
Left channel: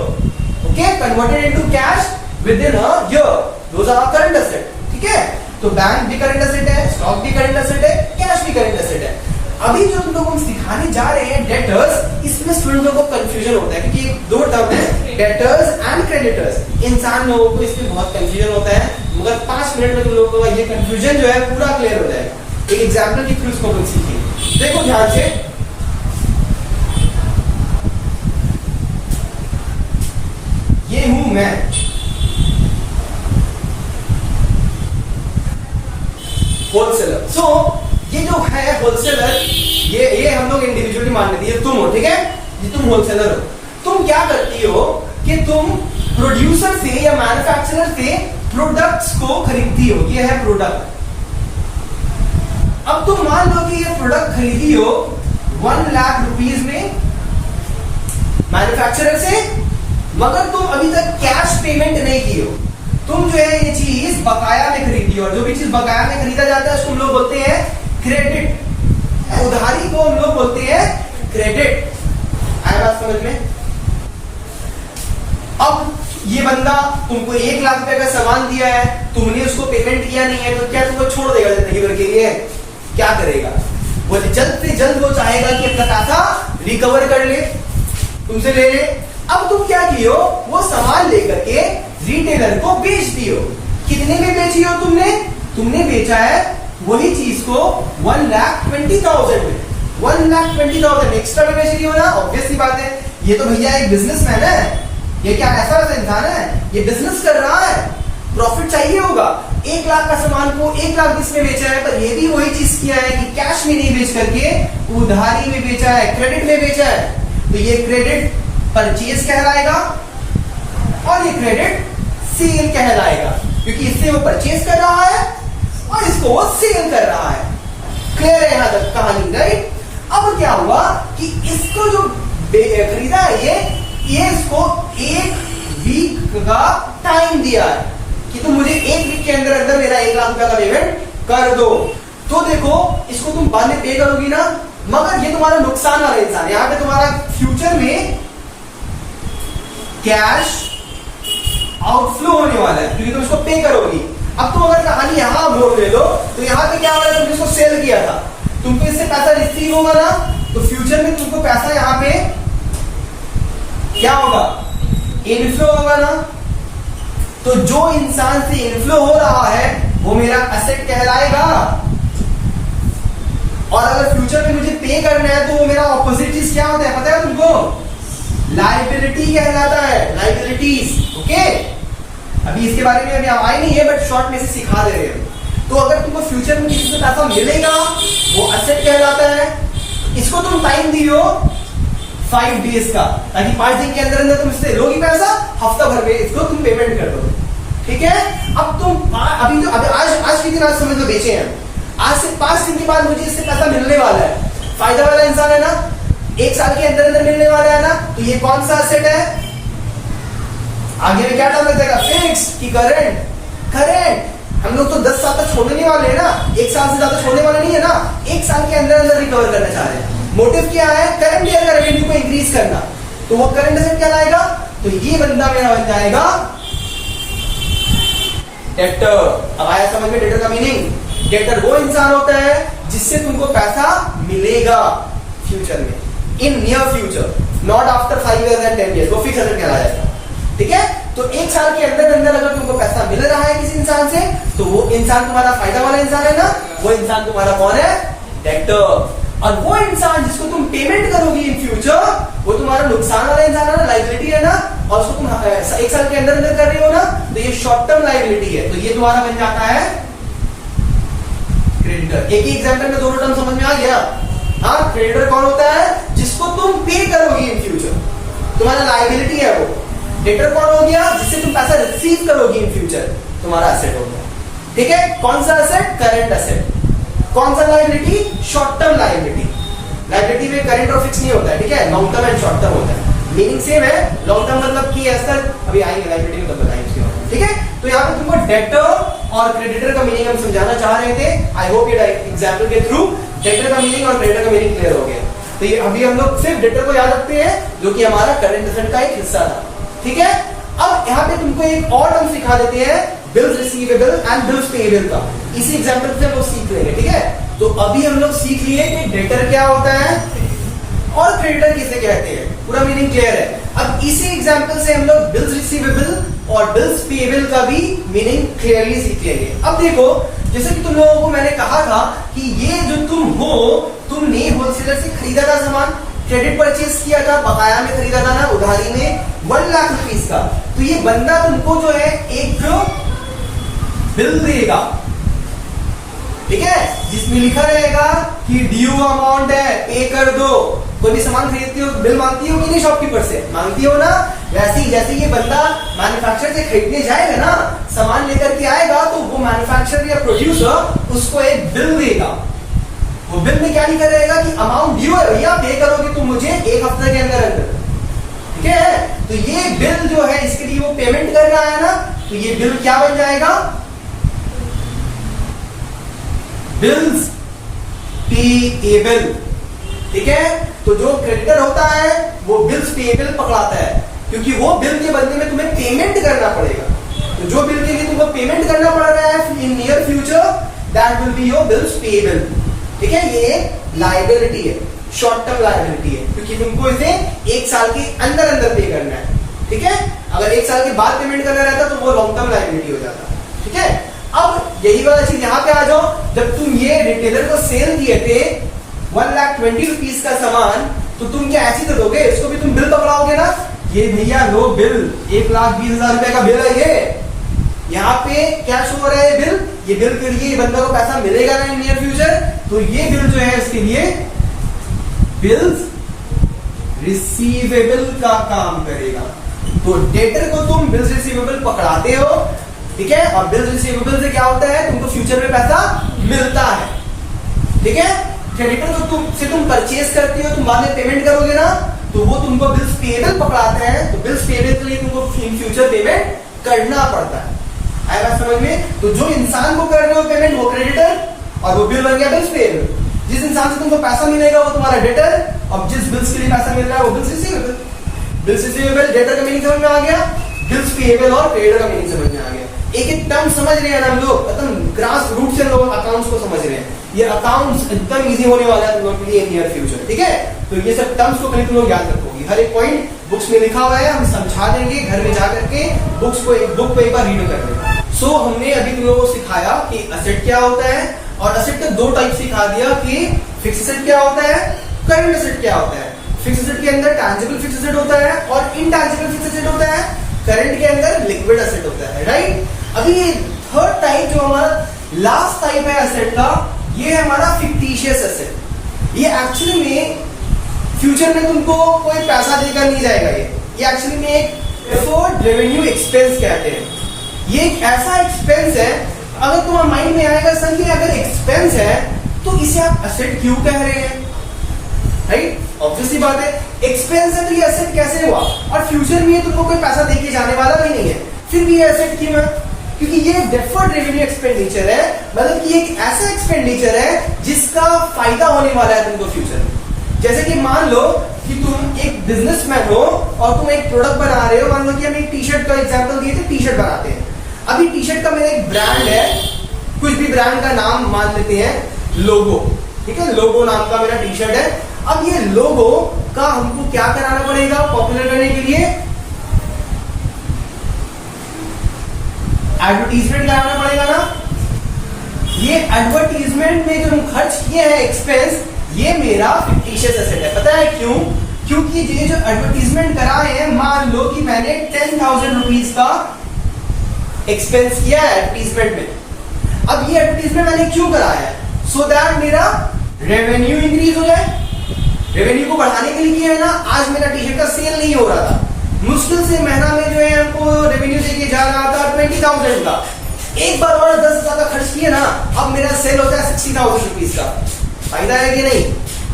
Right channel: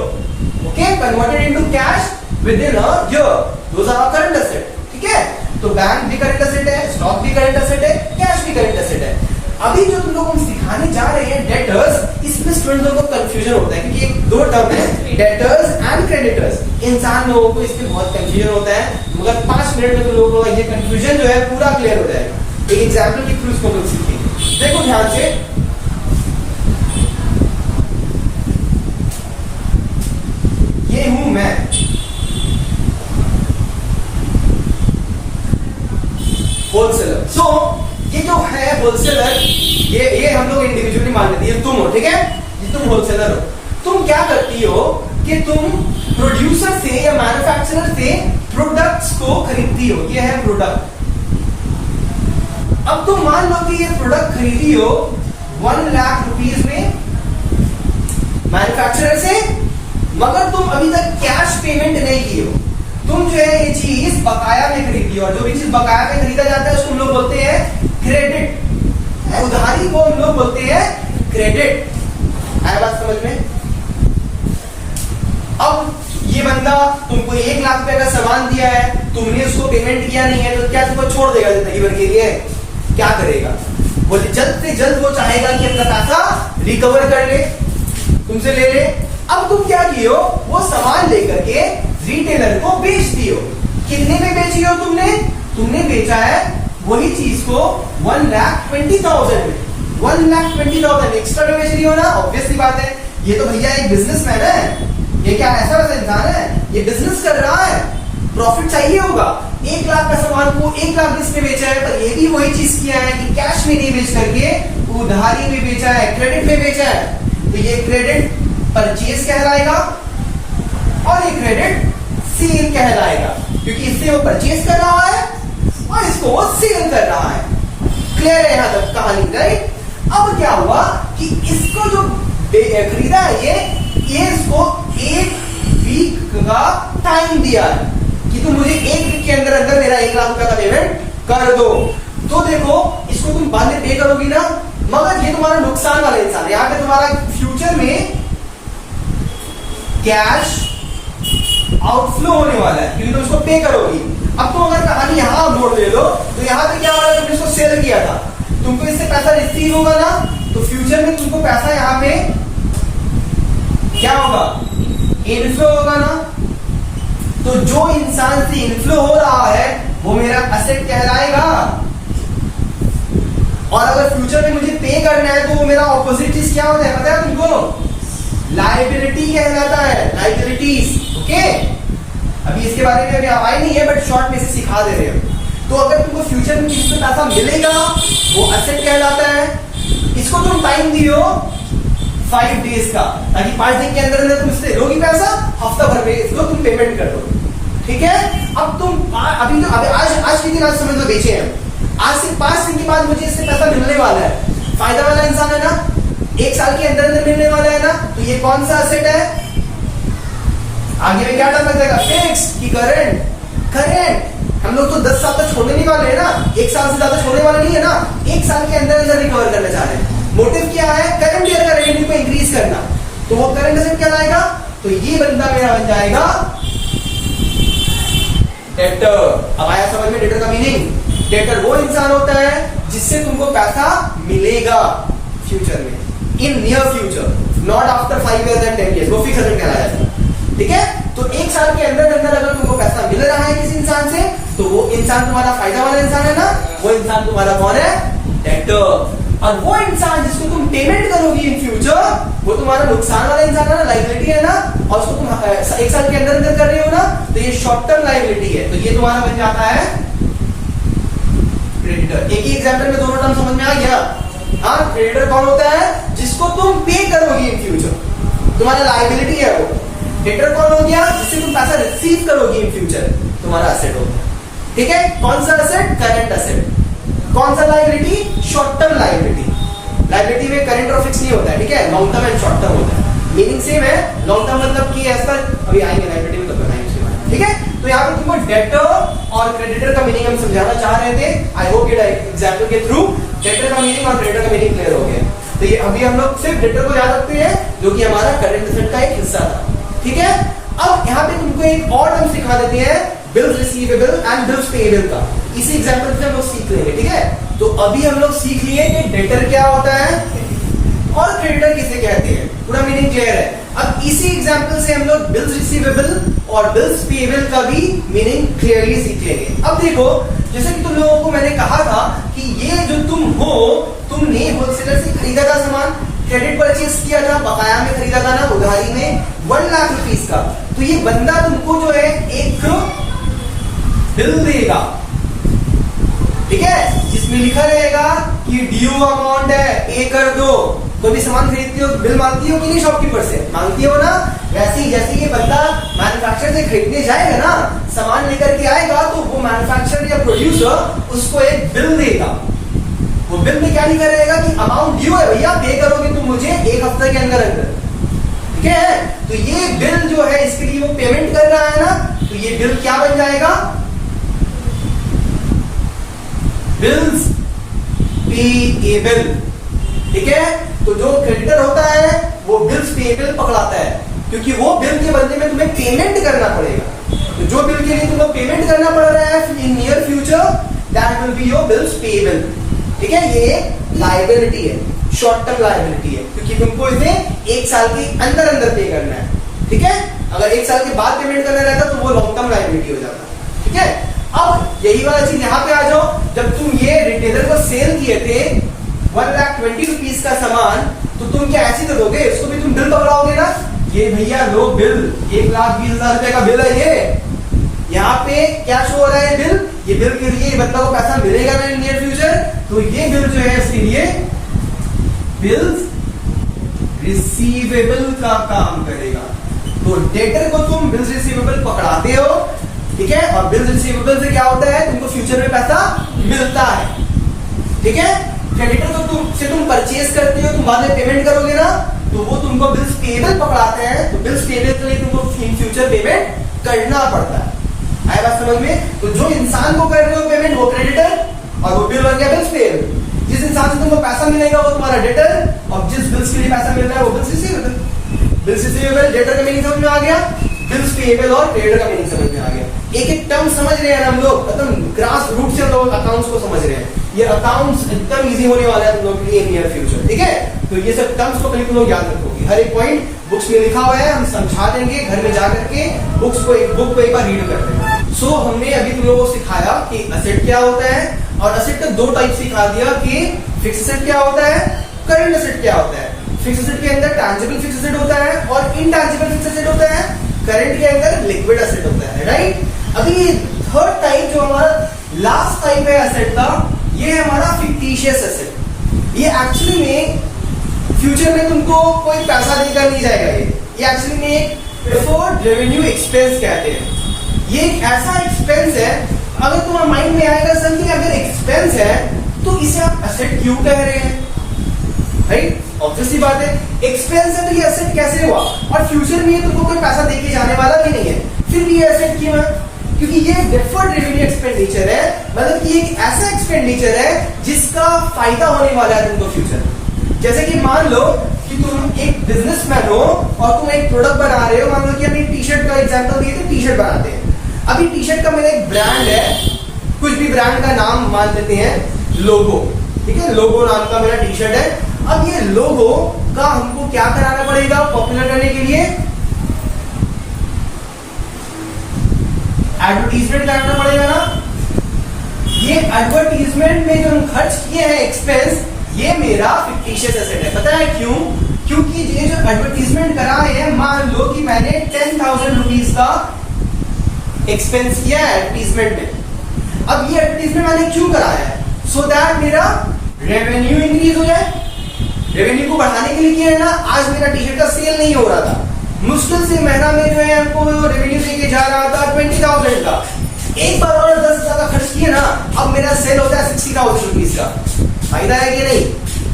okay, converted into cash within a year. Those are our current asset, ठीक है. तो bank भी current asset है, stock भी current asset है, cash भी current asset है. अभी जो तुम लोग हम सिखाने जा रहे हैं डेटर्स, इसमें स्टूडेंट लोगों को कंफ्यूजन होता है क्योंकि ये दो टर्म है डेटर्स एंड क्रेडिटर्स. इंसान लोगों को इसमें बहुत कंफ्यूजन होता है, मगर 5 मिनट में तुम लोगों को ये कंफ्यूजन जो है पूरा क्लियर हो जाएगा. एक एग्जाम्पल के थ्रू इसको तुम सीखेंगे. देखो ध्यान से, ये हूं मैं, होलसेलर. सो ये जो है होलसेलर, ये हम लोग इंडिविजुअली मान लेते हैं. तुम हो, ठीक है, ये तुम होलसेलर हो. तुम क्या करती हो कि तुम प्रोड्यूसर से या मैन्युफैक्चरर से प्रोडक्ट्स को खरीदती हो. ये है प्रोडक्ट. अब तुम मान लो कि ये प्रोडक्ट खरीदी हो 1 लाख रुपीज में मैन्युफैक्चरर से, मगर तुम अभी तक कैश पेमेंट नहीं की हो. तुम जो है ये चीज बकाया में खरीदी हो, और जो भी चीज बकाया में खरीदा जाता है उसको हम लोग बोलते हैं क्रेडिट. उधारी को हम लोग बोलते हैं क्रेडिट. आया बात समझ में? अब ये बंदा तुमको 1 लाख रुपए का सामान दिया है, तुमने उसको पेमेंट किया नहीं है, तो क्या तुमको छोड़ देगा जिंदगी भर के लिए? क्या करेगा? वो जल्द से जल्द वो चाहेगा कि अपना पैसा रिकवर कर ले, तुमसे ले ले. अब तुम क्या किए हो, वो सामान लेकर के रिटेलर को बेच दियो. कितने में बेची हो तुमने? तुमने बेचा है वही चीज को 1,20,000 में. 1,20,000 एक्स्ट्रा में बेच रही हो ना. ऑब्वियसली बात है, ये तो भैया एक बिजनेसमैन है. ये क्या ऐसा वैसा इंसान है? ये बिजनेस कर रहा है, प्रॉफिट चाहिए होगा. 1 लाख का सामान को 1 लाख 20 में बेचा है, पर ये भी वही चीज किया है कि कैश में नहीं बेच करके उधारी में बेचा है, क्रेडिट में बेचा है. तो ये क्रेडिट परचेज कहलाएगा और ये क्रेडिट सेल कहलाएगा, क्योंकि इससे वो परचेज कर रहा है और इसको वो सेल कर रहा है. क्लियर है यहां तक कहानी, राइट? अब क्या हुआ कि इसको जो खरीदा है ये इसको 1 वीक का टाइम दिया है कि तुम मुझे 1 वीक के अंदर अंदर मेरा 1 लाख रुपए का पेमेंट कर दो. तो देखो इसको तुम बाद में पे करोगी ना, मगर ये तुम्हारा नुकसान वाला इंसान है. यहां पे तुम्हारा फ्यूचर में कैश आउटफ्लो होने वाला है क्योंकि तुम इसको पे करोगी. अब तुम अगर कहानी यहां मोड़ ले लो तो यहां पे क्या होगा, तुमने इसको सेल किया था, तुमको इससे पैसा रिसीव होगा ना, तो फ्यूचर में तुमको पैसा यहां पे क्या होगा, इनफ्लो होगा ना. तो जो इंसान से इनफ्लो हो रहा है वो मेरा एसेट कहलाएगा, और अगर फ्यूचर में मुझे पे करना है तो वो मेरा ऑपोजिट चीज क्या होता है पता है तुमको? लायबिलिटी कहलाता है. लायबिलिटीज. ओके, अभी इसके बारे में अभी आए नहीं है, बट शॉर्ट में से सिखा दे रहे हैं. तो अगर तुमको फ्यूचर में किसी से पैसा मिलेगा वो एसेट कहलाता है. इसको तुम टाइम दियो 5 डेज का, ताकि 5 दिन के अंदर अंदर तुम इससे लोगी पैसा, हफ्ता भर में इसको तुम पेमेंट कर दो. ठीक है? अब तुम अभी तो आज के दिन आज समझ लो बेचे हैं, आज से 5 दिन के बाद मुझे इससे पैसा मिलने वाला है. फायदा वाला इंसान है ना, 1 साल के अंदर अंदर मिलने वाला है ना. तो ये कौन सा एसेट है? आगे में क्या डाल लग जाएगा, फिक्स की करंट. करंट हम लोग तो 10 साल तक छोड़ने नहीं वाले हैं ना, 1 साल से ज्यादा छोड़ने वाले नहीं है ना, 1 साल के अंदर अंदर रिकवर करना चाह रहे हैं. मोटिव क्या है? करंट ईयर का रेवेन्यू को इंक्रीज करना. तो वो करंट एसेट क्या लाएगा? तो ये बंदा मेरा बन जाएगा डेटर. अब आया समझ में डेटर का मीनिंग? डेटर वो इंसान होता है जिससे तुमको पैसा मिलेगा फ्यूचर में, in near future, not after 5 years and 10 years. वो फिक्स एसेट कहलाया जाएगा. ठीक है? तो 1 साल के अंदर अंदर अगर तुमको पैसा मिल रहा है किसी इंसान से, तो वो इंसान तुम्हारा फायदा वाला इंसान है ना, वो इंसान तुम्हारा कौन है? डेटर। और वो इंसान जिसको तुम पेमेंट करोगी इन फ्यूचर, वो तुम्हारा नुकसान वाला इंसान है ना, लायबिलिटी है ना, और उसको तुम 1 साल के अंदर अंदर कर रहे हो ना, तो ये शॉर्ट टर्म लायबिलिटी है, तो ये तुम्हारा बन जाता है क्रेडिटर। एक ही एग्जाम्पल में दोनों टर्म समझ में आ गया। हाँ, क्रेडिटर कौन होता है? जिसको तुम पे करोगी इन फ्यूचर, तुम्हारा लायबिलिटी है वो। डेटर कौन हो गया? जिससे तुम पैसा रिसीव करोगी इन फ्यूचर, तुम्हारा एसेट हो गया। ठीक है, कौन सा एसेट? Current asset. कौन सा liability? Short term liability. Liability में करंट और फिक्स नहीं होता है, ठीक है, long term and short term होता है। मीनिंग सेम है, लॉन्ग टर्म मतलब कि ऐसा, अभी आएंगे लायबिलिटी में तब बताएंगे उसके बारे में, ठीक है। तो यहाँ पे तुमको डेटर और क्रेडिटर का मीनिंग हम समझाना चाह रहे थे। आई होप ये एग्जाम्पल के थ्रू डेटर का मीनिंग और क्रेडिटर का मीनिंग क्लियर हो गया। तो ये अभी हम लोग सिर्फ डेटर को याद रखते हैं, जो कि हमारा करंट एसेट का एक हिस्सा था, ठीक है। अब यहाँ पे तुमको एक और टर्म सिखा देते हैं, bills receivable and bills payable का। इसी एग्जाम्पल से हम लोग सीख लेंगे, ठीक है। तो अभी हम लोग सीख लिए कि डेटर क्या होता है और क्रेडिटर किसे कहते हैं, पूरा मीनिंग क्लियर है। अब इसी एग्जाम्पल से हम लोग बिल्स रिसीवेबल और बिल्स पेएबल का भी मीनिंग क्लियरली सीख लेंगे। अब देखो, जैसे कि तुम लोगों को मैंने कहा था कि ये जो तुम हो, तुमने होलसेलर से खरीदा था सामान, क्रेडिट परचेज किया था, बकाया में खरीदा था ना, उधारी में 1 लाख रुपीस का। तो ये बंदा तुमको जो है एक बिल देगा, ठीक है, जिसमें लिखा रहेगा कि ड्यू अमाउंट है, पे कर दो। कोई भी सामान खरीदती हो, बिल मांगती हो कि नहीं शॉपकीपर से? मांगती हो ना। वैसे ही जैसे ये बंदा मैन्युफैक्चरर से खरीदने जाएगा ना, सामान लेकर के आएगा, तो वो मैन्युफैक्चरर या प्रोड्यूसर उसको एक बिल देगा। वो बिल में क्या लिखा रहेगा कि अमाउंट ड्यू है भैया, पे करोगे तुम मुझे 1 हफ्ते के अंदर अंदर, ठीक है। तो ये बिल जो है, इसके लिए वो पेमेंट कर रहा है ना, तो ये बिल क्या बन जाएगा? बिल्स पेएबल, ठीक है। तो जो क्रेडिटर होता है वो बिल्स पेएबल पकड़ाता है, क्योंकि वो बिल के बदले में तुम्हें पेमेंट करना पड़ेगा। तो जो बिल के लिए तुमको पेमेंट करना पड़ रहा है in near future, that will be your bills payable, ठीक है। ये लायबिलिटी है, शॉर्ट टर्म लायबिलिटी है, क्योंकि तुमको इसे 1 साल के अंदर अंदर पे करना है, ठीक है। अगर 1 साल के बाद पेमेंट करना रहता तो वो लॉन्ग टर्म लायबिलिटी हो जाता, ठीक है। अब यही वाला चीज यहाँ पे आ जाओ, जब तुम ये रिटेलर को सेल किए थे 1,20,000 रुपीस का सामान, तो तुम क्या ऐसी तो दोगे, इसको भी तुम बिल पकड़ाओगे ना, ये भैया लो बिल, 1,20,000 रुपए का बिल है ये। यहाँ पे क्या शो हो रहा है? बिल। ये बिल के लिए बंदा को पैसा मिलेगा ना नियर फ्यूचर, तो ये बिल जो है इसके लिए बिल्स रिसीवेबल का काम करेगा। तो डेटर को तुम बिल्स रिसीवेबल पकड़ाते हो, ठीक है, और बिल्स रिसीवेबल से क्या होता है? तुमको फ्यूचर में पैसा मिलता है, ठीक है। क्रेडिटर को तुम परचेज करते हो, तुम बाद में पेमेंट करोगे ना, तो वो तुमको बिल्स पेएबल पकड़ाते हैं। तो बिल्स पेएबल के लिए तुमको इन फ्यूचर पेमेंट करना पड़ता है। आया बात समझ में? तो जो इंसान को कर रहे हो पेमेंट वो क्रेडिटर, और वो बिल बन गया बिल्स पेएबल। जिस इंसान से तुमको पैसा मिलेगा वो तुम्हारा डेटर, और जिस बिल्स के लिए पैसा मिल रहा है वो bills receivable. Bills receivable, debtor का मीनिंग समझ में आ गया, बिल्स पेएबल और क्रेडिटर का मीनिंग समझ में आ गया। एक एक टर्म समझ रहे हैं हम लोग, एकदम ग्रास रूट से लोग अकाउंट्स को समझ रहे हैं। ये अकाउंट्स एकदम इजी होने वाला है तुम लोग के लिए नियर फ्यूचर, ठीक है। तो ये सब टर्म्स को कहीं तुम लोग याद रखोगे, हर एक पॉइंट बुक्स में लिखा हुआ है, हम समझा देंगे, घर में जाकर के बुक को एक बार रीड कर लेना। सो हमने अभी तुम लोगों को सिखाया कि एसेट क्या होता है, और एसेट का 2 टाइप सिखा दिया कि फिक्स एसेट क्या होता है, करंट एसेट क्या होता है। फिक्स एसेट के अंदर टैंजिबल फिक्स एसेट होता है और इनटैंजिबल फिक्स एसेट होता है। करंट के अंदर लिक्विड एसेट होता है, राइट। अभी ये 3rd टाइप जो हमारा लास्ट टाइप है एसेट का, ये है हमारा फिक्टिशियस एसेट। ये एक्चुअली में फ्यूचर में तुमको कोई पैसा देकर नहीं जाएगा। ये एक्चुअली में एक डिफर्ड रेवेन्यू एक्सपेंस कहते हैं। ये एक ऐसा एक्सपेंस है, अगर तुम्हारे माइंड में आएगा सर ये अगर एक्सपेंस है तो इसे आप एसेट क्यों कह रहे हैं, राइट। ऑब्वियसली बात है, एक्सपेंस है तो ये एसेट कैसे हुआ, और फ्यूचर में तुमको कोई पैसा देके जाने वाला भी नहीं है, फिर भी ये एसेट क्यों है? क्योंकि ये डिफर्ड रेवेन्यू एक्सपेंडिचर है, मतलब कि एक ऐसा एक्सपेंडिचर है जिसका फायदा होने वाला है तुमको फ्यूचर में। जैसे कि मान लो कि तुम एक बिजनेसमैन हो और तुम एक प्रोडक्ट बना रहे हो, मान लो कि हमने टी शर्ट का एग्जांपल दिए थे, टी शर्ट बनाते हैं। अभी टी शर्ट का मेरा एक ब्रांड है, कुछ भी ब्रांड का नाम मान लेते हैं, लोगो, ठीक है, लोगो नाम का मेरा टी शर्ट है। अब ये लोगो का हमको क्या कराना पड़ेगा पॉपुलर करने के लिए? एडवर्टीजमेंट कराना पड़ेगा ना। ये एडवर्टीजमेंट में जो हम खर्च किए हैं एक्सपेंस, ये मेरा फिक्टिशियस एसेट है। पता है क्यों? क्योंकि ये जो एडवर्टीजमेंट कराए हैं, मान लो कि मैंने 10,000 रुपीज का एक्सपेंस किया है एडवर्टीजमेंट में। अब ये एडवर्टीजमेंट मैंने क्यों कराया है? सो दैट मेरा रेवेन्यू इंक्रीज हो जाए। रेवेन्यू को बढ़ाने के लिए किया है ना। आज मेरा टी शर्ट का सेल नहीं हो रहा था, मुश्किल से महीना में जो है हमको रेवेन्यू देके जा रहा था 20,000 का। एक बार और 10,000 का खर्च किया ना, अब मेरा सेल होता है 60,000 रुपीज का। फायदा है कि नहीं?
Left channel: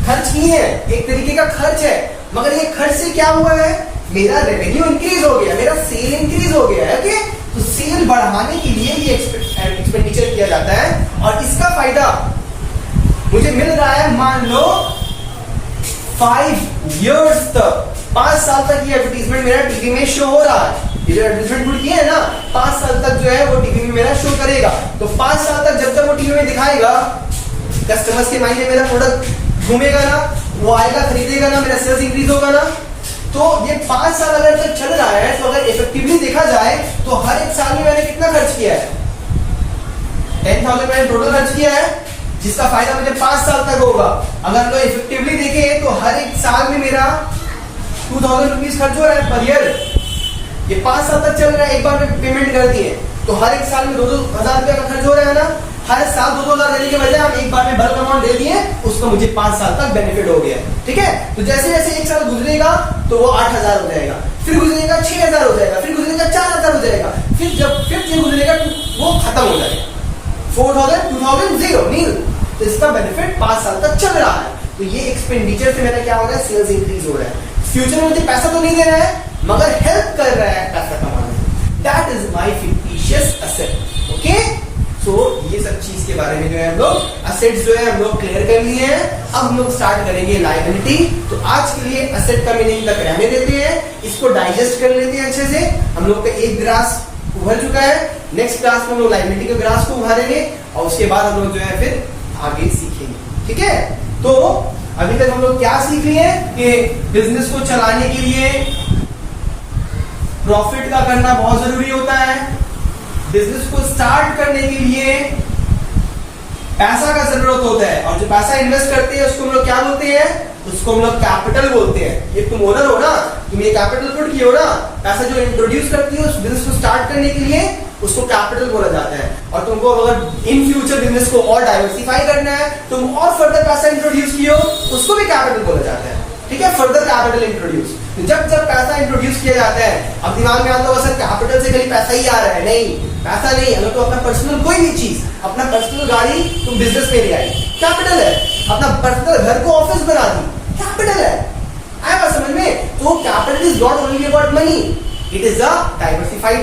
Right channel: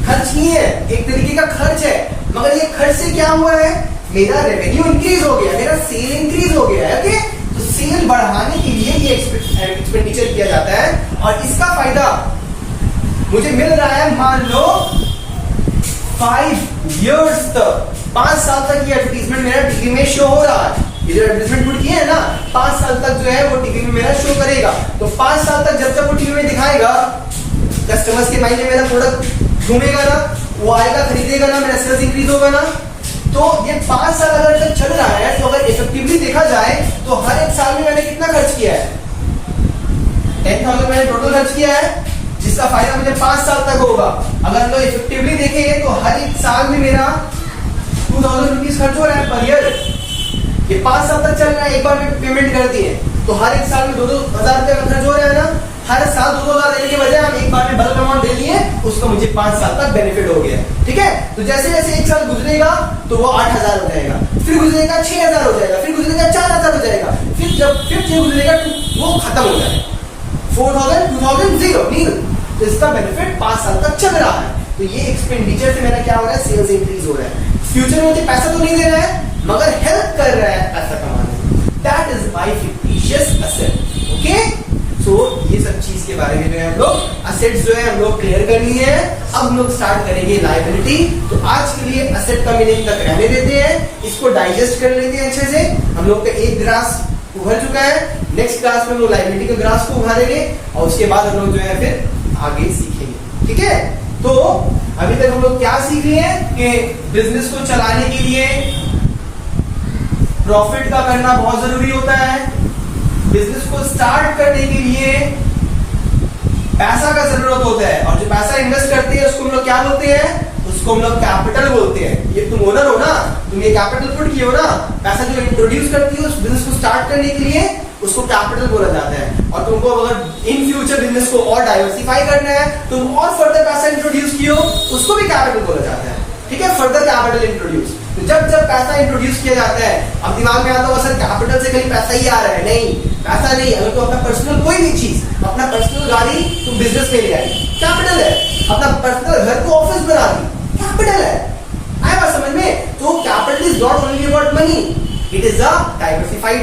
खर्च किए हैं, एक तरीके का खर्च है, मगर ये खर्च से क्या हुआ है? मेरा रेवेन्यू इंक्रीज हो गया, मेरा सेल इंक्रीज हो गया है। ओके, तो सेल बढ़ाने के लिए ये एक्सपेंडिचर किया जाता है और इसका फायदा मुझे मिल रहा है। मान लो 5 years तक, 5 साल तक ये एडवर्टीजमेंट मेरा टीवी में शो हो रहा है। ये जो एडवर्टीजमेंट पुट किए है ना, 5 साल तक जो है वो टीवी में मेरा शो करेगा। तो 5 साल तक जब तक वो टीवी में दिखाएगा, कस्टमर्स के माइंड में मेरा प्रोडक्ट घूमेगा ना, वो आएगा, खरीदेगा ना, मेरा सेल्स इंक्रीज होगा ना। तो ये 5 साल अगर तक चल रहा है, तो अगर इफेक्टिवली देखा जाए तो हर एक साल में मैंने कितना खर्च किया है? 10,000 मैंने टोटल खर्च किया है, जिसका फायदा मुझे 5 साल तक होगा। अगर लोग इफेक्टिवली देखें तो हर एक साल में मेरा 2,000 रुपीज खर्च हो रहा है पर ईयर। ये 5 साल तक चल रहा है, एक बार में पेमेंट कर दी है तो हर एक साल में 2,000 रुपया का खर्च हो रहा है ना। हर साल 2,000 देने के बजाय हम एक बार में बल्क अमाउंट दे दिए, उसका मुझे 5 साल तक बेनिफिट हो गया। ठीक है, तो जैसे जैसे एक साल गुजरेगा तो वो 8,000 हो जाएगा, फिर गुजरेगा 6,000 हो जाएगा, फिर गुजरेगा 4,000 हो जाएगा, फिर जब फिर से गुजरेगा वो खत्म हो जाएगा। 4,000, 2,000, 0 नील। तो इसका बेनिफिट 5 साल तक चल रहा है। तो ये एक्सपेंडिचर से मेरा क्या हो रहा है? सेल्स इंक्रीज हो रहा है। फ्यूचर में मुझे पैसा तो नहीं दे रहा है, मगर हेल्प कर रहा है पैसा कमाने में। That is my fictitious asset. Okay, so ये सब चीज के बारे में जो है हम लोग असेट्स जो है हम लोग क्लियर कर लिए हैं। अब हम लोग स्टार्ट करेंगे लायबिलिटी। तो आज के लिए असेट का मीनिंग तक रहने देते हैं, इसको डाइजेस्ट कर लेते हैं अच्छे से। हम लोग का एक ग्रास उभर चुका है, नेक्स्ट क्लास में हम लोग लायबिलिटी के ग्रास को उभारेंगे और उसके बाद हम लोग जो है फिर आगे सीखेंगे। ठीक है, तो अभी तक हम लोग क्या सीख लिए कि बिजनेस को चलाने के लिए प्रॉफिट का करना बहुत जरूरी होता है। बिजनेस को स्टार्ट करने के लिए पैसा का जरूरत होता है, और जो पैसा इन्वेस्ट करते हैं उसको हम लोग क्या बोलते हैं? उसको हम लोग कैपिटल बोलते हैं। ये तुम ओनर हो ना, तुम ये कैपिटल पुट किए हो ना, पैसा जो इंट्रोड्यूस करती है उस बिजनेस को स्टार्ट करने के लिए, उसको कैपिटल बोला जाता है। और तुमको अगर इन फ्यूचर बिजनेस को और डाइवर्सिफाई करना है, तुम और फर्दर पैसा इंट्रोड्यूस किए हो, उसको भी कैपिटल बोला जाता है। ठीक है, फर्दर कैपिटल इंट्रोड्यूस। तो जब जब पैसा इंट्रोड्यूस किया जाता है, अब दिमाग में आता होगा सर कैपिटल से कहीं पैसा ही आ रहा है। नहीं, पैसा नहीं। अगर तो अपना पर्सनल कोई भी चीज, अपना पर्सनल गाड़ी तुम बिजनेस में ले आई, कैपिटल है। अपना पर्सनल घर को ऑफिस बना दी, कैपिटल है। आया बात समझ में? तो capital is not only about money, it is a diversified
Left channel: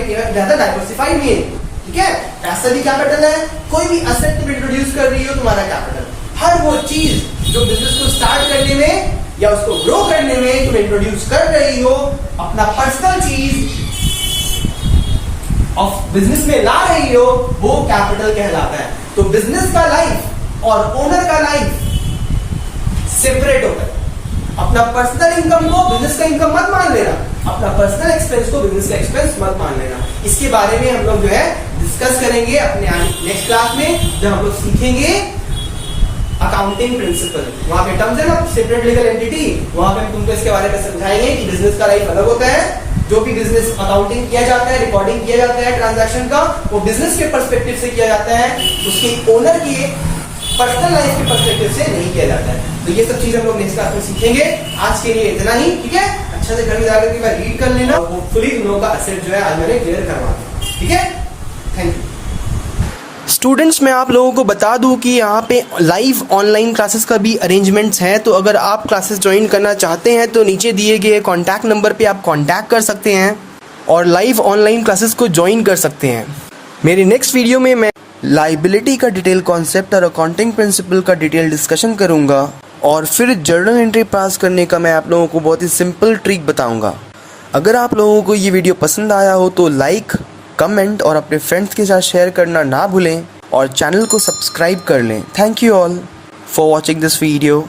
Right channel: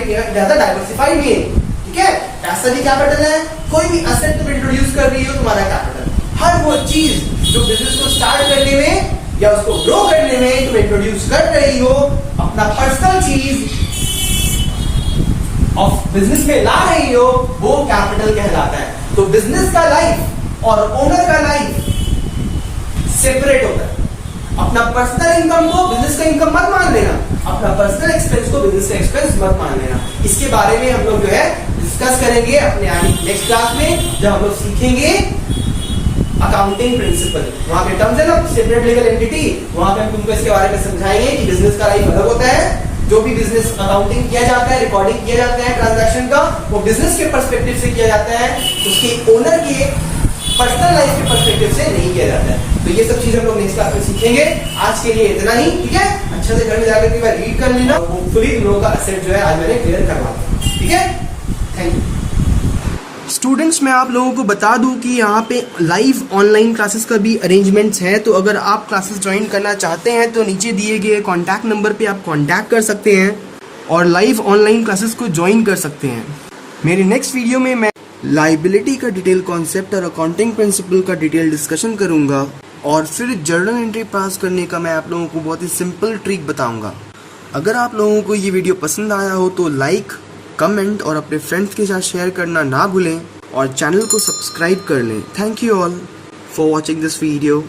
meaning. ठीक है, पैसा भी कैपिटल है, कोई भी एसेट तुम इंट्रोड्यूस कर रही हो तुम्हारा कैपिटल। हर वो चीज जो बिजनेस को स्टार्ट करने में या उसको ग्रो करने में तुम इंट्रोड्यूस कर रही हो, अपना पर्सनल चीज ऑफ बिजनेस में ला रही हो, वो कैपिटल कहलाता है। तो बिजनेस का लाइफ और ओनर का लाइफ सेपरेट होता है। अपना पर्सनल इनकम को बिजनेस का इनकम मत मान लेना, अपना पर्सनल एक्सपेंस को बिजनेस का एक्सपेंस मत मान लेना। इसके बारे में हम लोग जो है डिस्कस करेंगे अपने आने नेक्स्ट क्लास में, जब हम लोग सीखेंगे अकाउंटिंग प्रिंसिपल। वहां के टर्म्स है ना, सेपरेट लीगल एंटिटी, वहां पे हम तुमको इसके बारे में समझाएंगे कि बिजनेस का लाइफ अलग होता है। जो भी बिजनेस अकाउंटिंग किया जाता है, रिकॉर्डिंग किया जाता है ट्रांजैक्शन का, वो बिजनेस के पर्सपेक्टिव से किया जाता है, उसके ओनर के पर्सनल लाइफ के पर्सपेक्टिव से नहीं किया जाता है। तो ये सब चीज हम लोग नेक्स्ट क्लास में सीखेंगे। आज के लिए इतना ही। ठीक है, अच्छा से घर में जाकर एक बार रीड कर लेना। होपफुली तुम लोगों का असेट जो है आज मैंने क्लियर करवा दिया। ठीक है, थैंक यू। स्टूडेंट्स, मैं आप लोगों को बता दूं कि यहाँ पे लाइव ऑनलाइन क्लासेस का भी अरेंजमेंट्स हैं। तो अगर आप क्लासेस ज्वाइन करना चाहते हैं तो नीचे दिए गए कॉन्टैक्ट नंबर पे आप कॉन्टैक्ट कर सकते हैं और लाइव ऑनलाइन क्लासेस को ज्वाइन कर सकते हैं। मेरे नेक्स्ट वीडियो में मैं लाइबिलिटी का डिटेल कॉन्सेप्ट और अकाउंटिंग प्रिंसिपल का डिटेल डिस्कशन करूँगा, और फिर जर्नल एंट्री पास करने का मैं आप लोगों को बहुत ही सिंपल ट्रिक बताऊँगा। अगर आप लोगों को ये वीडियो पसंद आया हो तो लाइक, कमेंट और अपने फ्रेंड्स के साथ शेयर करना ना भूलें और चैनल को सब्सक्राइब कर लें। Thank you all for watching this video.